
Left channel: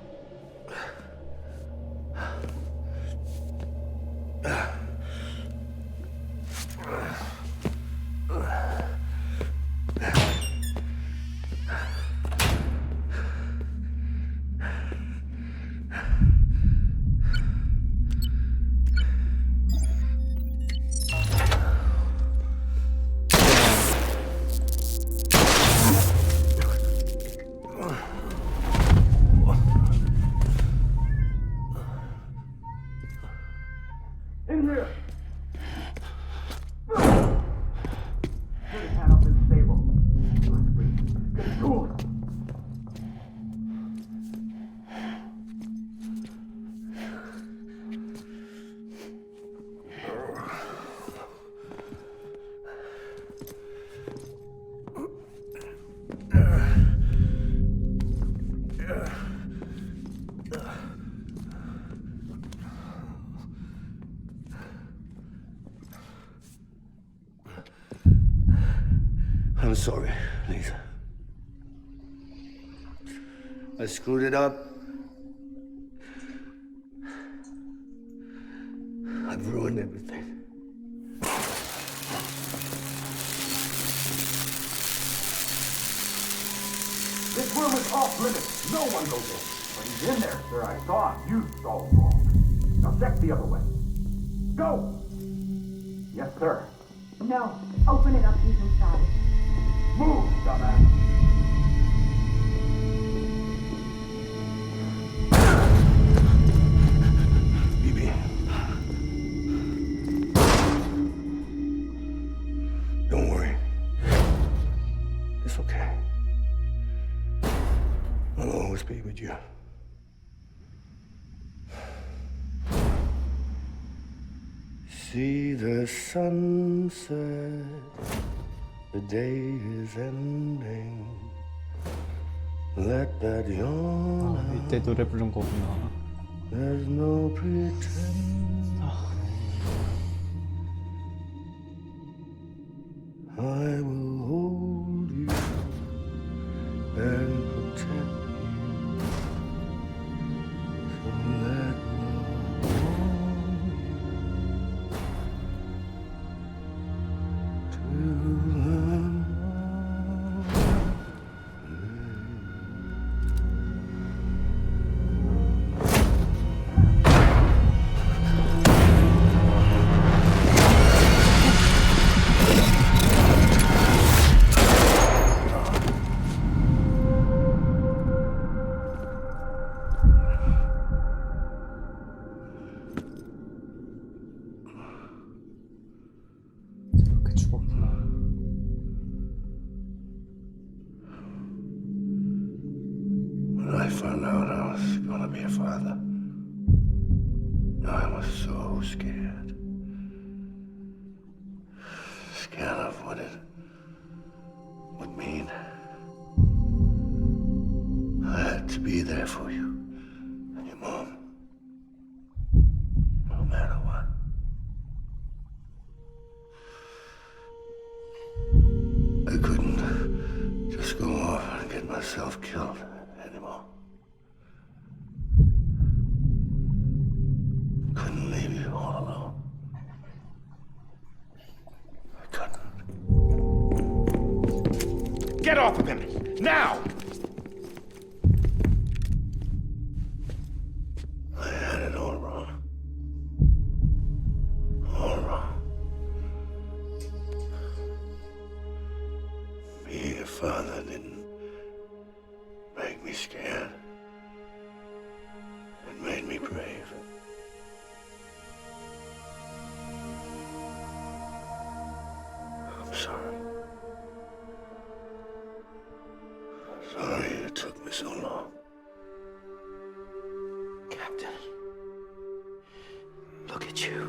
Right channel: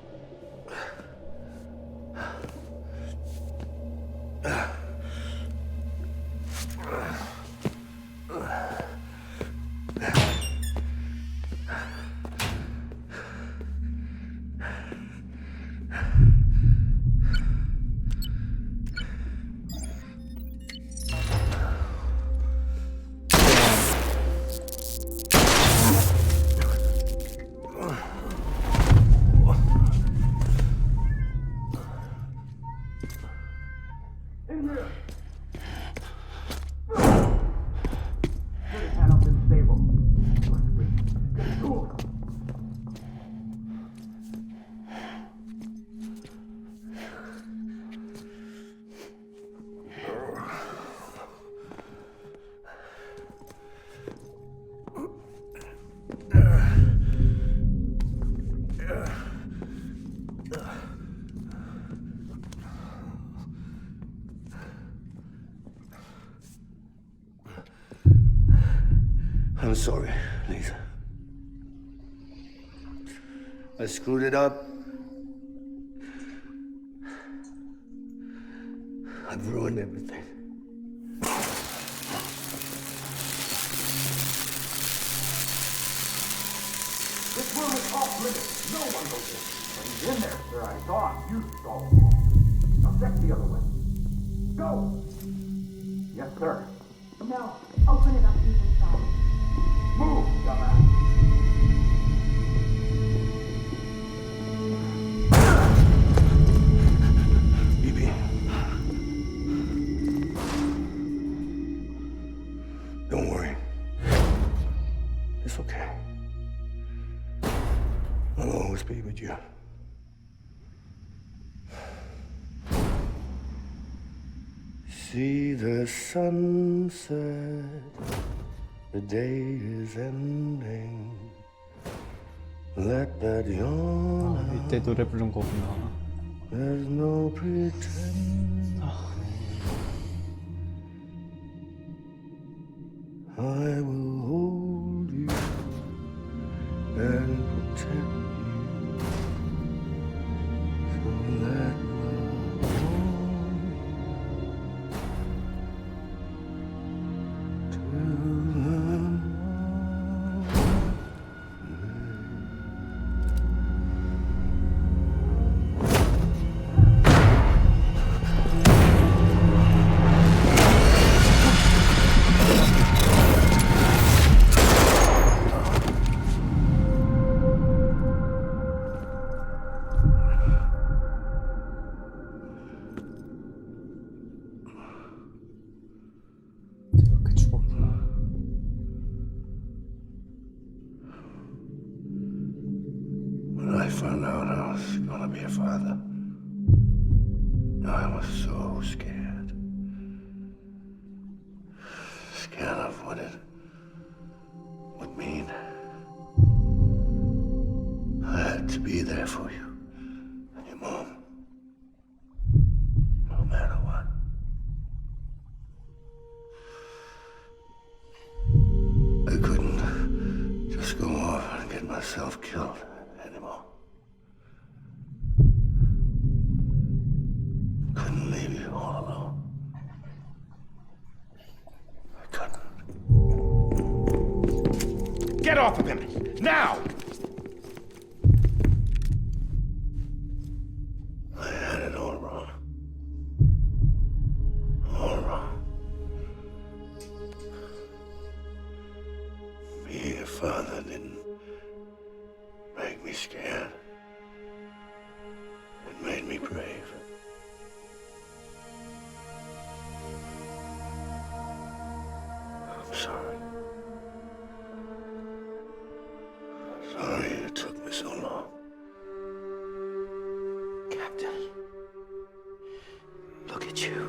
I'm sorry, Lisa. I screwed it up. I've ruined everything. This room is off limits. No one goes in. But he's in there, sir. I saw him. You saw him wrong. Now check the other way. Go! Yes, sir. No. Open it up. He's inside. Move, dumbass. Bibi. Don't worry. It's okay. I'll always be with you. See the sunset. The day is ending. Let that yawn out. 이때 노래 부른 거구나. There's no pretend. I will hold you and protect you. So let love warm you to the 이렇게 죽었구나. When I found out I was gonna be a father, I was so scared. Scared of what it would mean. I had to be there for you and your mom, no matter what. I couldn't just go off and get myself killed anymore. Get off of him! Now! I had it all wrong. All wrong. Being a father didn't make me scared. It made me brave. I'm sorry. Sorry it took me so long. Captain, look at you.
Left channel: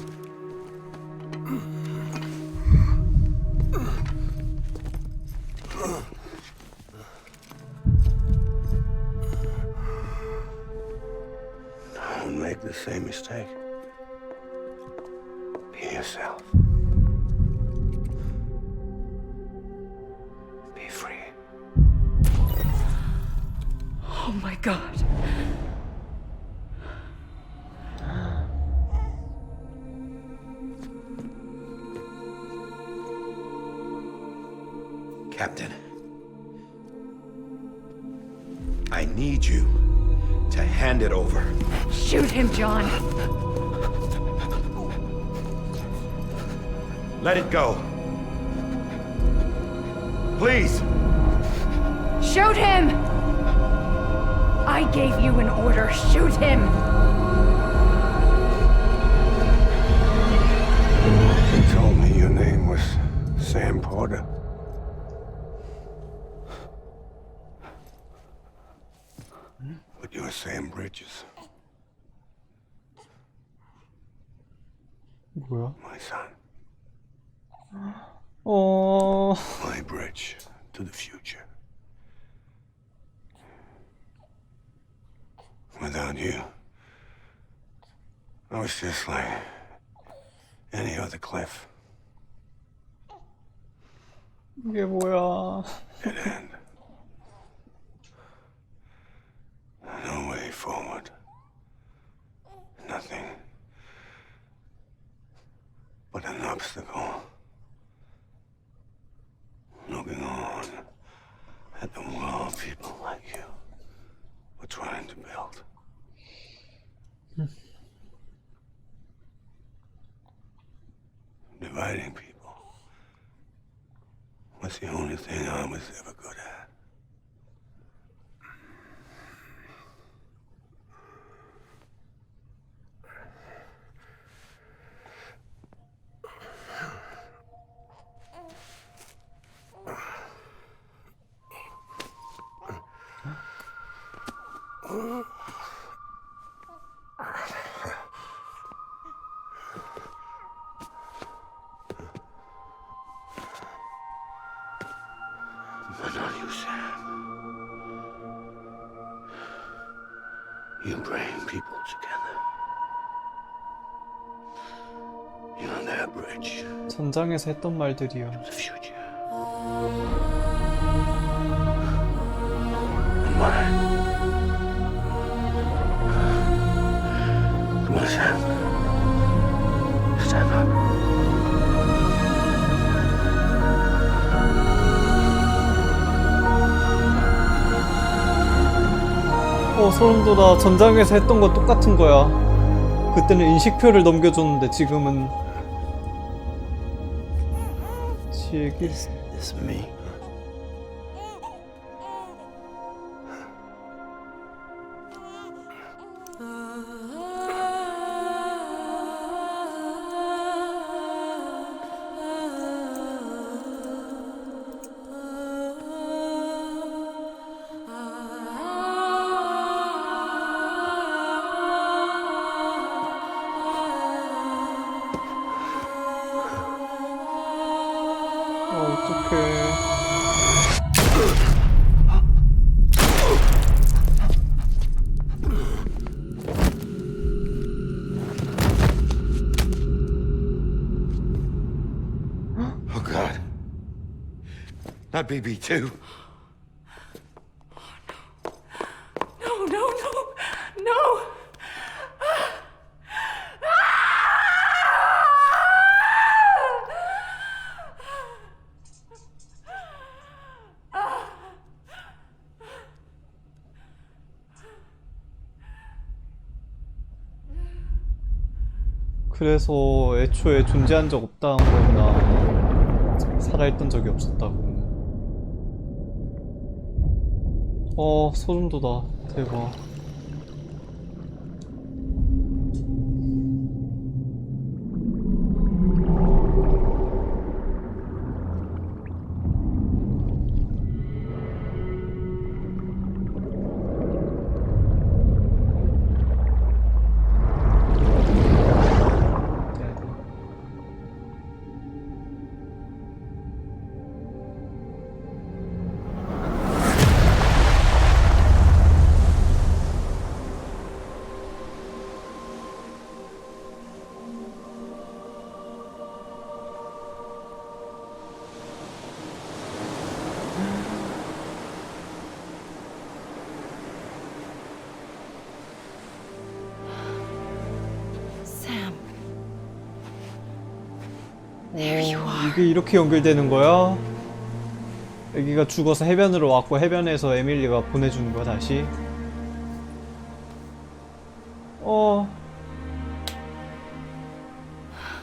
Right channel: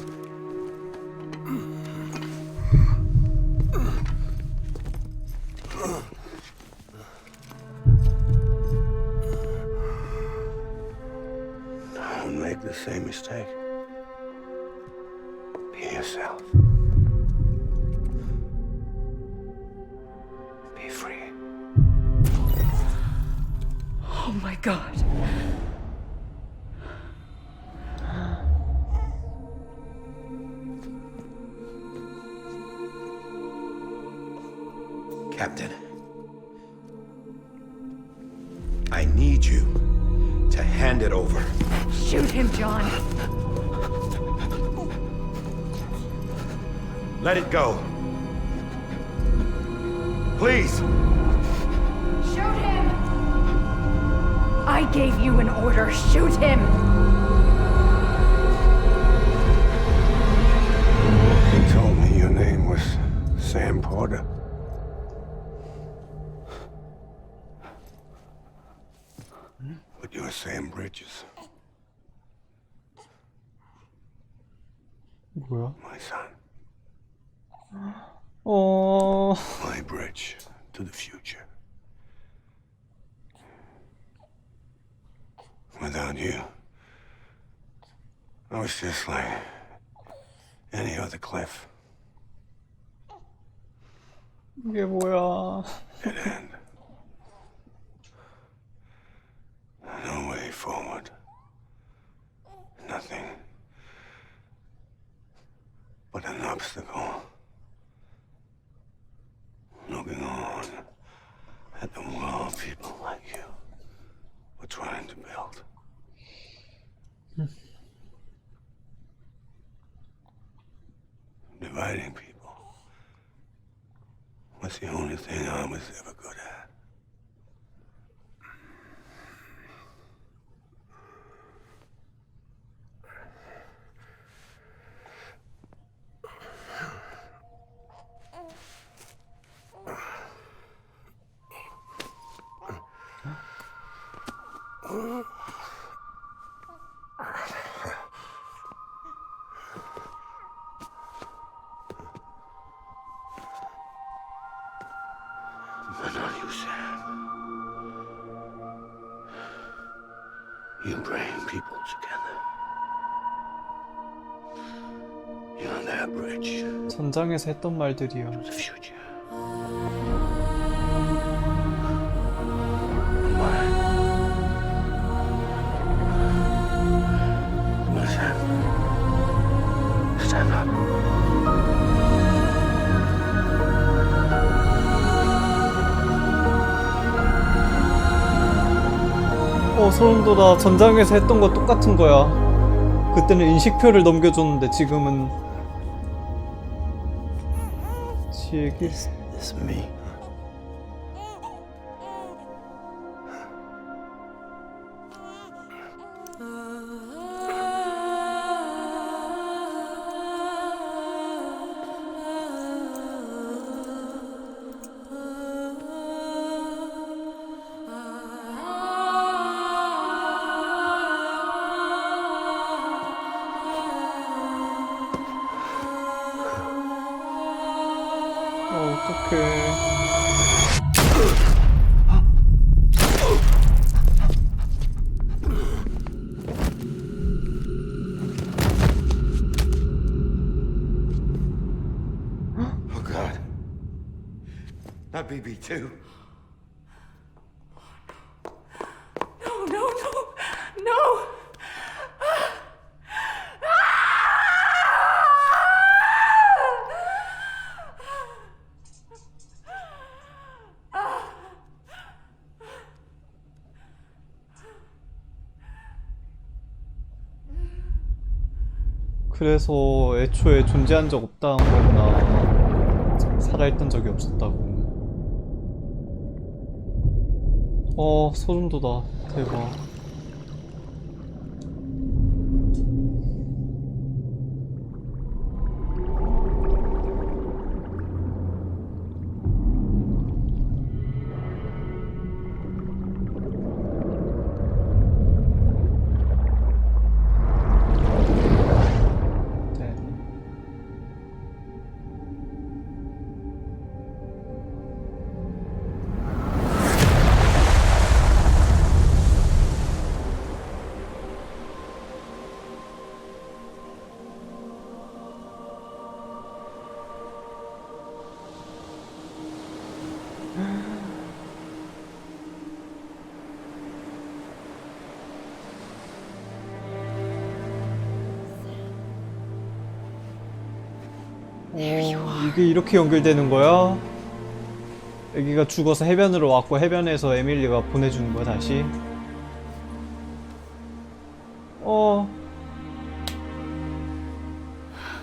Don't make the same mistake. Be yourself. Be free. Oh my God. Captain, I need you to hand it over. Shoot him, John. Let it go. Please. Shoot him! I gave you an order. Shoot him! You told me your name was Sam Porter. But you're Sam Bridges, 뭐야? my son. My bridge to the future. Without you, I was just like any other Cliff. 이게 뭐야? Dead end. No way forward. Nothing but an obstacle. Looking on at the world people like you were trying to build. Dividing people was the only thing I was ever good at. But not you, Sam. You bring people together. You're that bridge 전장에서 했던 말들이요. to the future. And mine. Come on, Sam. Stand up. 소름 돋아. 전장에서 했던 거 똑같은 거야. 그때는 인식표를 넘겨줬는데 지금은 지 얘기. It's me. 어떡해. Oh, God. Not BB2. No, no, no, no! 그래서 애초에 존재한 적 없다는 거구나. 살아있던 적이 없었다고. 소름 돋아. 대박. 이게 이렇게 연결되는 거야? 애기가 죽어서 해변으로 왔고 해변에서 에밀리가 보내주는 거야 다시?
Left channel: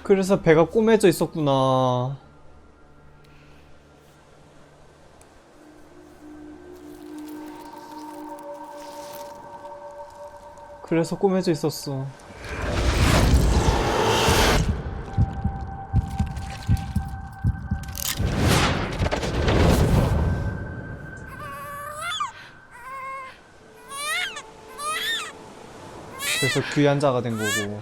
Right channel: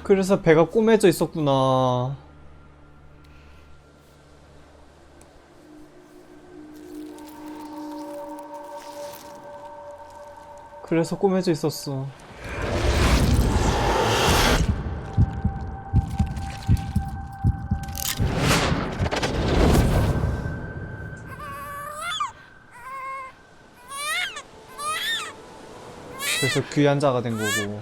그래서 배가 꼬매져 있었구나. 그래서 꼬매져 있었어. 그래서 귀한 자가 된 거고.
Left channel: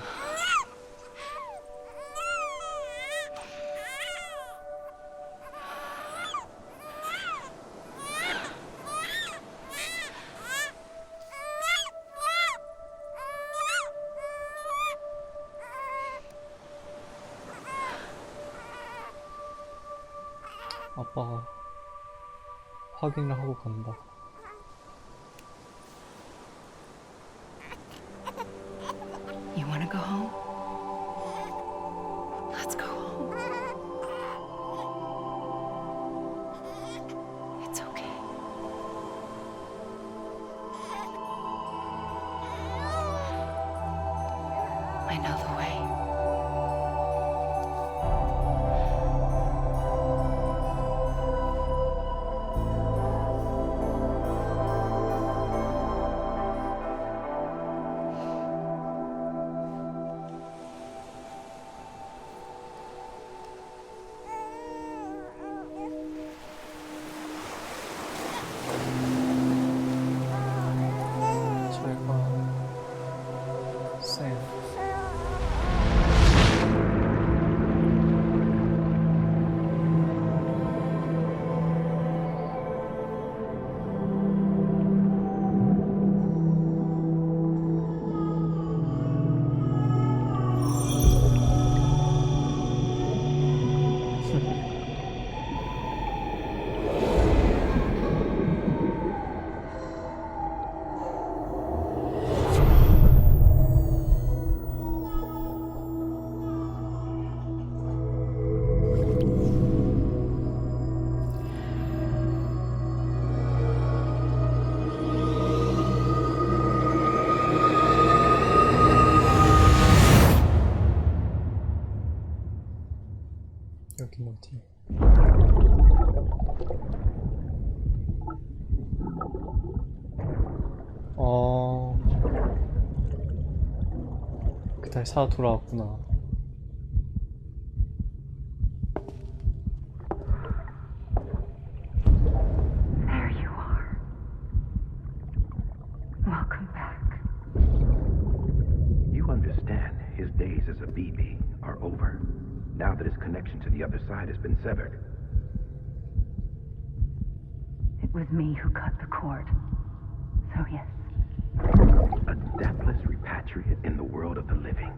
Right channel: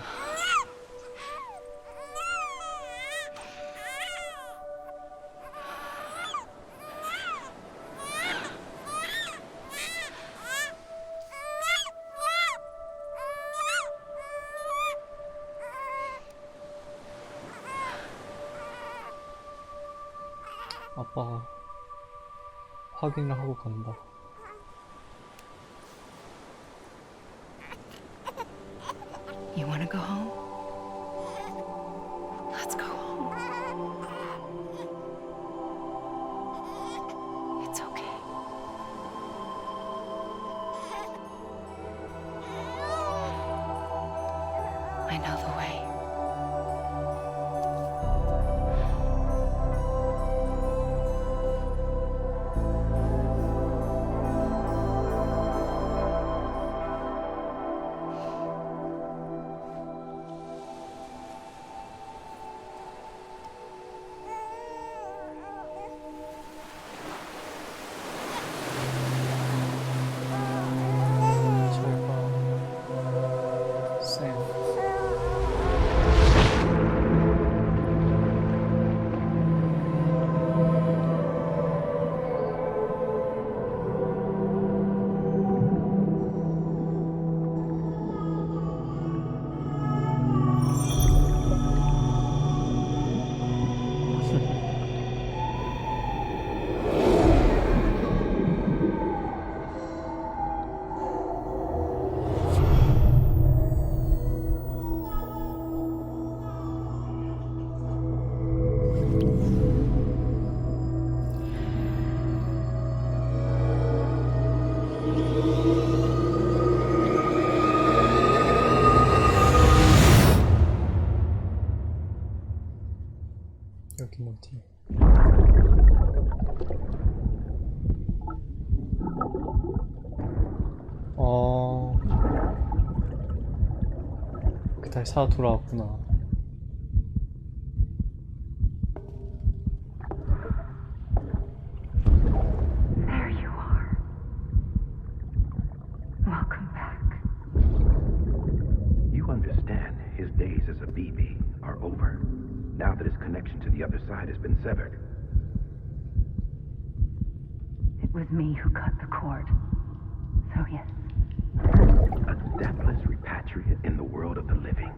아빠가 확인을 하고 간다. You wanna go home? Let's go home. It's okay. I know the way. 여긴 어디? 그다시 살아 돌아왔구나. There you are. Welcome back. You understand his days as a BB are over, now that his connection to the other side has been severed. It was me who cut the cord. So yes. A deathless repatriate in the world of the living.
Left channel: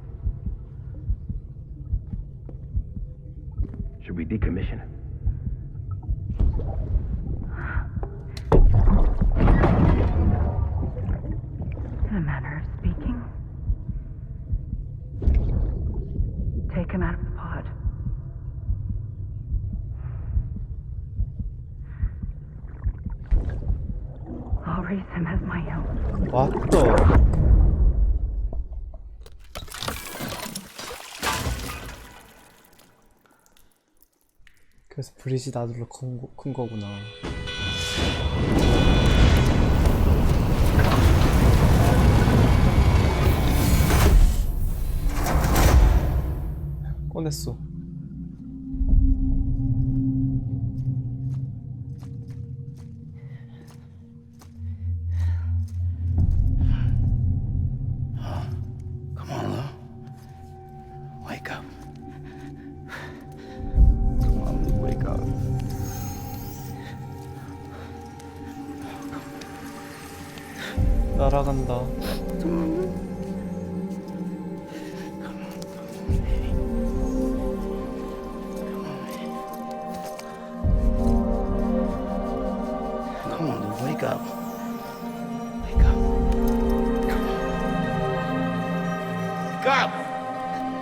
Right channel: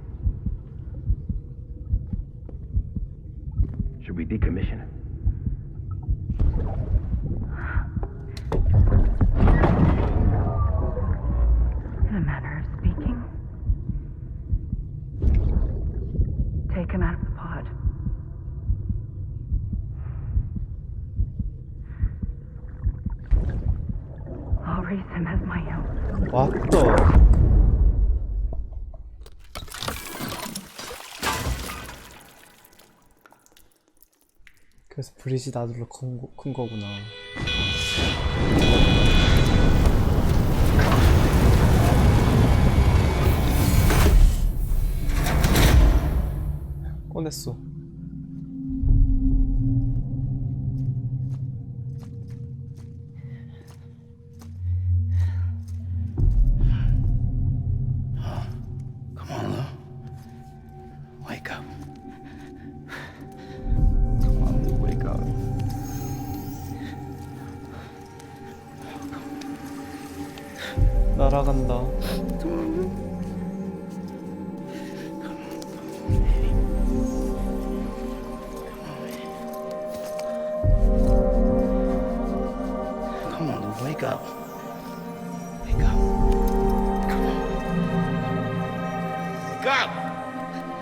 Should we decommission him? In a manner of speaking. Take him out of the pod. I'll raise him as my own. What the? 그래서 브릿지 나들로 큰 거구나. 꺼냈어. Come on, Lou. Wake up. Come on, Lou, wake up. 날아간다. Come on, Lou, wake up. Wake up. Come on. Wake up! Come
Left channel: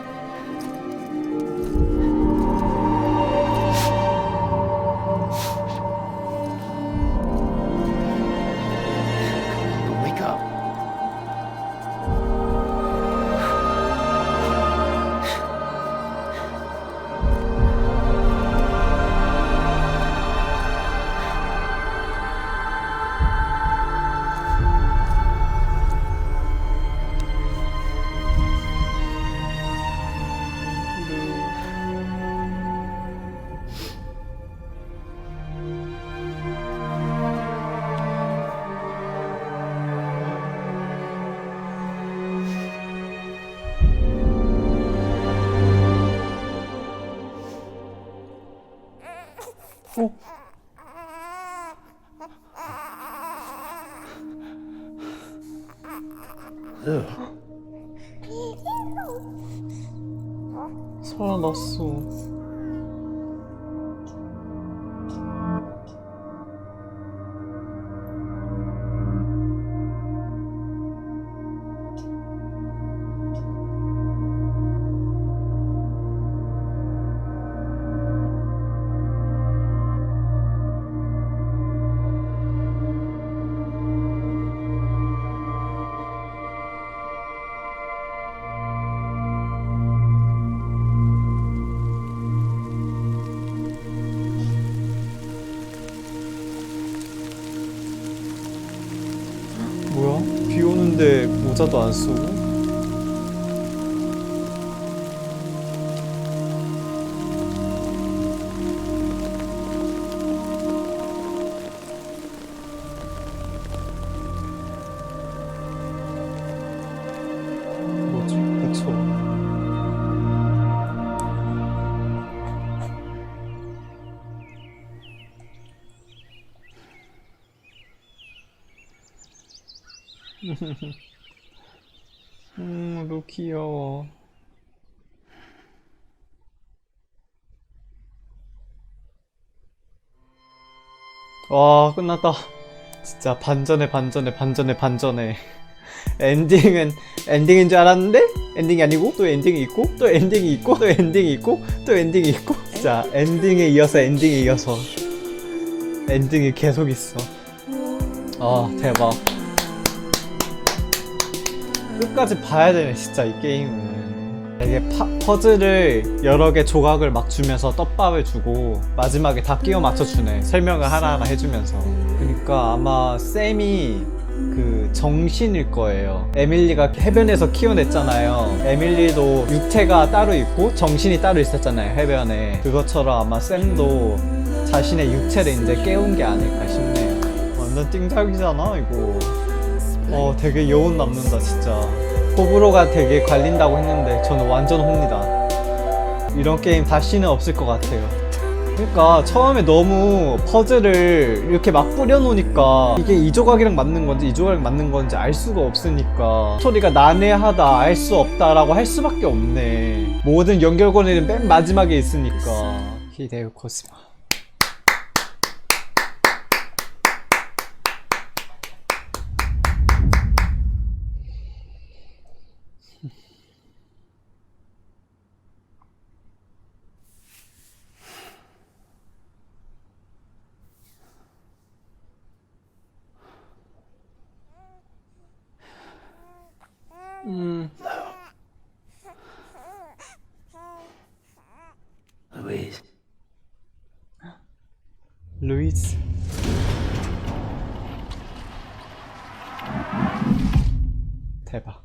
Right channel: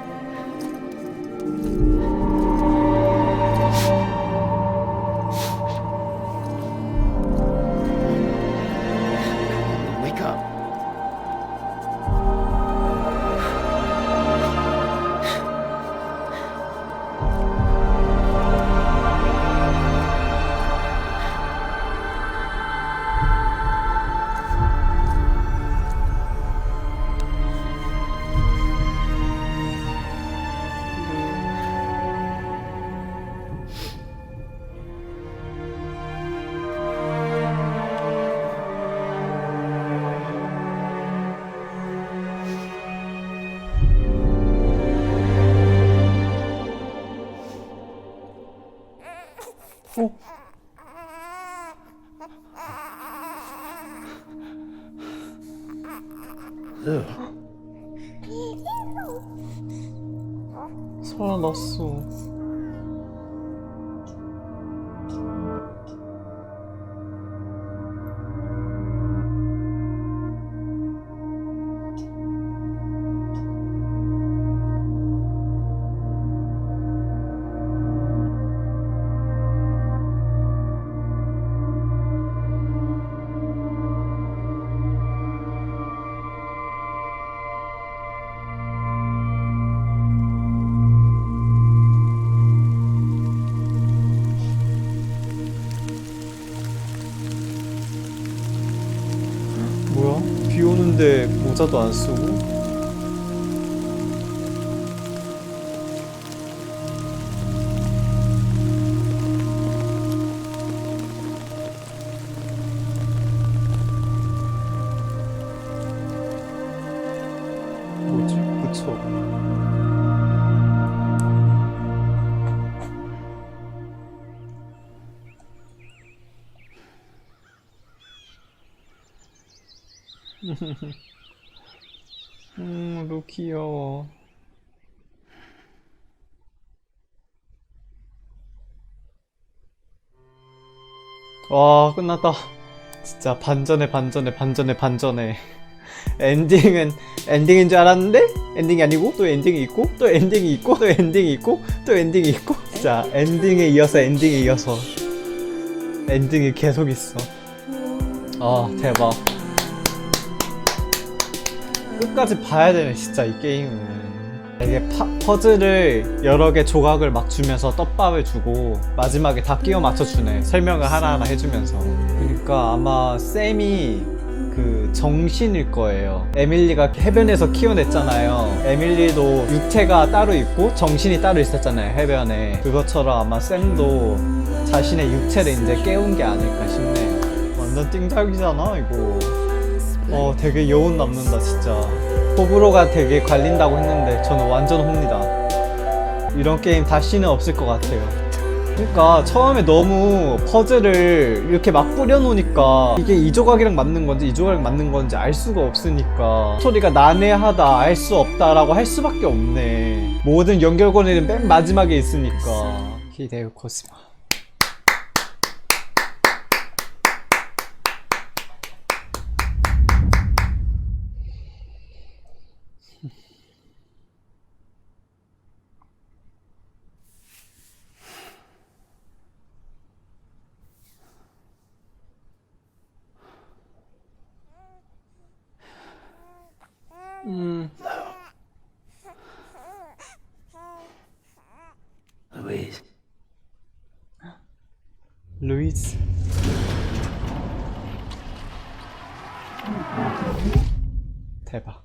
on, Lou, wake up. 어? Lou. 살아났어. 뭐야? 비 오는데 모자도 안 쓰고? 뭐지? 그쵸? 루 귀여워. 와, 끝났다. 진짜 반전에 반전에 반전에 반전에. 엔딩인 줄 알았는데 엔딩이 아니고 또 엔딩이 있고 또 엔딩이 있고 또 엔딩이 있고 또 엔딩이 있고. 진짜 엔딩에 이어서 엔딩에 이어서 엔딩이 계속 있어. 아, 대박. 끝까지 봐야 되네 진짜 이 게임은. 이게 퍼즐을 여러 개 조각을 막 주면서 떡밥을 주고 마지막에 다 끼워 맞춰주네. 설명을 하나하나 해주면서. 그러니까 아마 샘이 그 정신일 거예요. 에밀리가 해변에서 키워냈잖아요. 에밀리도 육체가 따로 있고 정신이 따로 있었잖아요, 해변에. 그것처럼 아마 샘도 자신의 육체를 이제 깨운 게 아닐까 싶네요. 완전 띵작이잖아 이거. 되게 여운 남는다 진짜. 호불호가 되게 갈린다고 했는데 저는 완전 홈니다. 이런 게임 다시는 없을 것 같아요. 그러니까 처음에 너무 퍼즐을 이렇게 막 뿌려놓으니까 이게 이 조각이랑 맞는 건지 이 조각이랑 맞는 건지 알 수가 없으니까 스토리가 난해하다, 알 수 없다라고 할 수밖에 없네. 모든 연결고리는 맨 마지막에 있으니까. 히데요 코스마. Louise. 루이즈. 대박.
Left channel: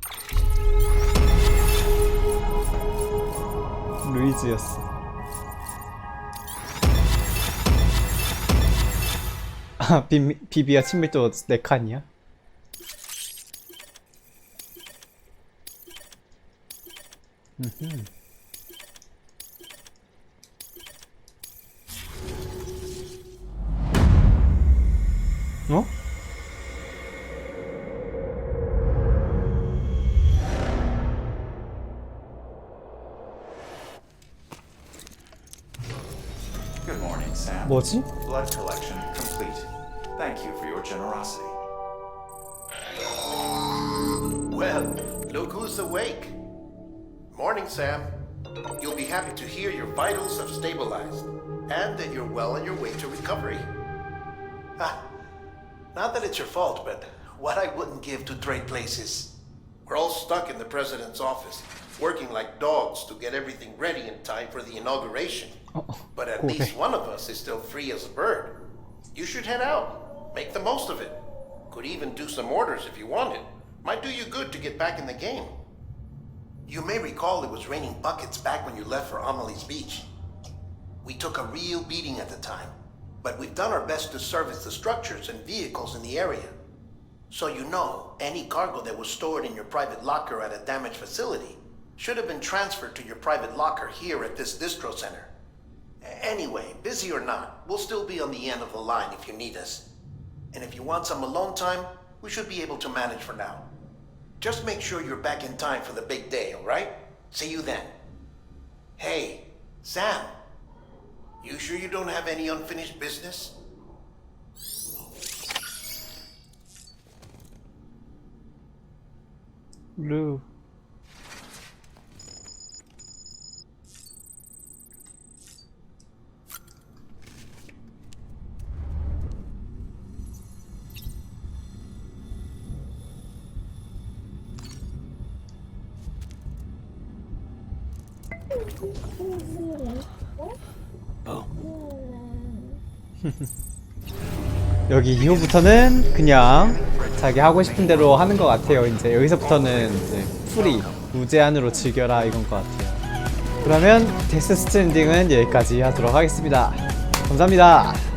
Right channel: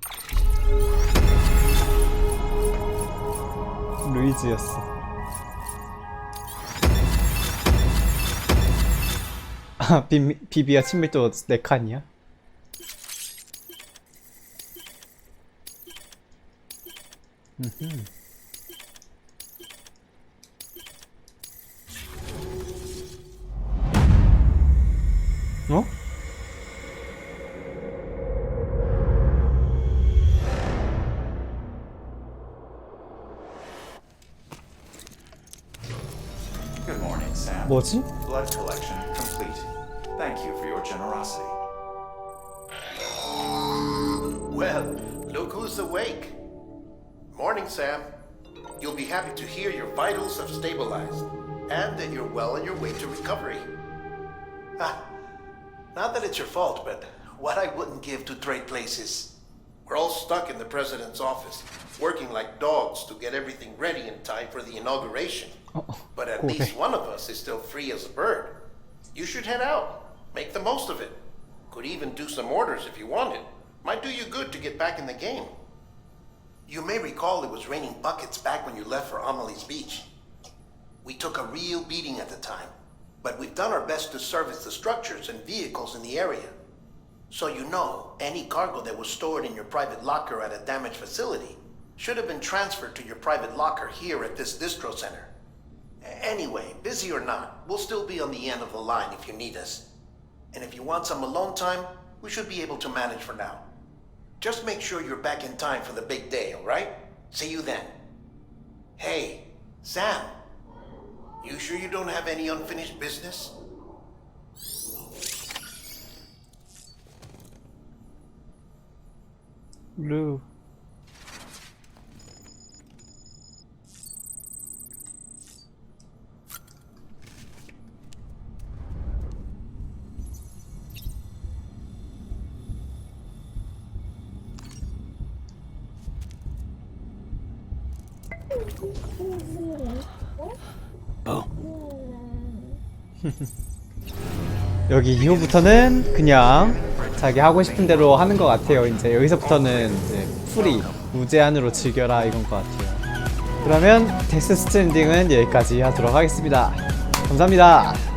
루이즈였어. 아, 비비와 친밀도 4칸이야? 어? Good morning, Sam. 뭐지? Blood collection complete. Thank you for your generosity. Well, look who's awake. Morning, Sam. You'll be happy to hear your vitals have stabilized and that you're well on your way to recovery. Not that it's your fault, but what I wouldn't give to trade places. We're all stuck in the president's office, working like dogs to get everything ready in time for the inauguration. But at least one of us is still free as a bird. You should head out. Make the most of it. Could even do some orders if you wanted. Might do you good to get back in the game. You may recall it was raining buckets back when you left for Amelie's Beach. We took a real beating at the time, but we've done our best to service the structures and vehicles in the area. So you know, any cargo that was stored in your private locker at a damaged facility should have been transferred to your private locker here at this distro center. Anyway, busy or not, we'll still be on the end of the line if you need us. And if you want some alone time, we should be able to manage for now. Just make sure you're back in time for the big day, alright? See you then. Hey, Sam. You sure you don't have any unfinished business? 루. 여기 이후부터는 그냥 자기 하고 싶은 대로 하는 것 같아요. 이제 여기서부터는 이제 풀이 무제한으로 즐겨라 이건 것 같아요. 그러면 데스 스트랜딩은 여기까지 하도록 하겠습니다. 감사합니다.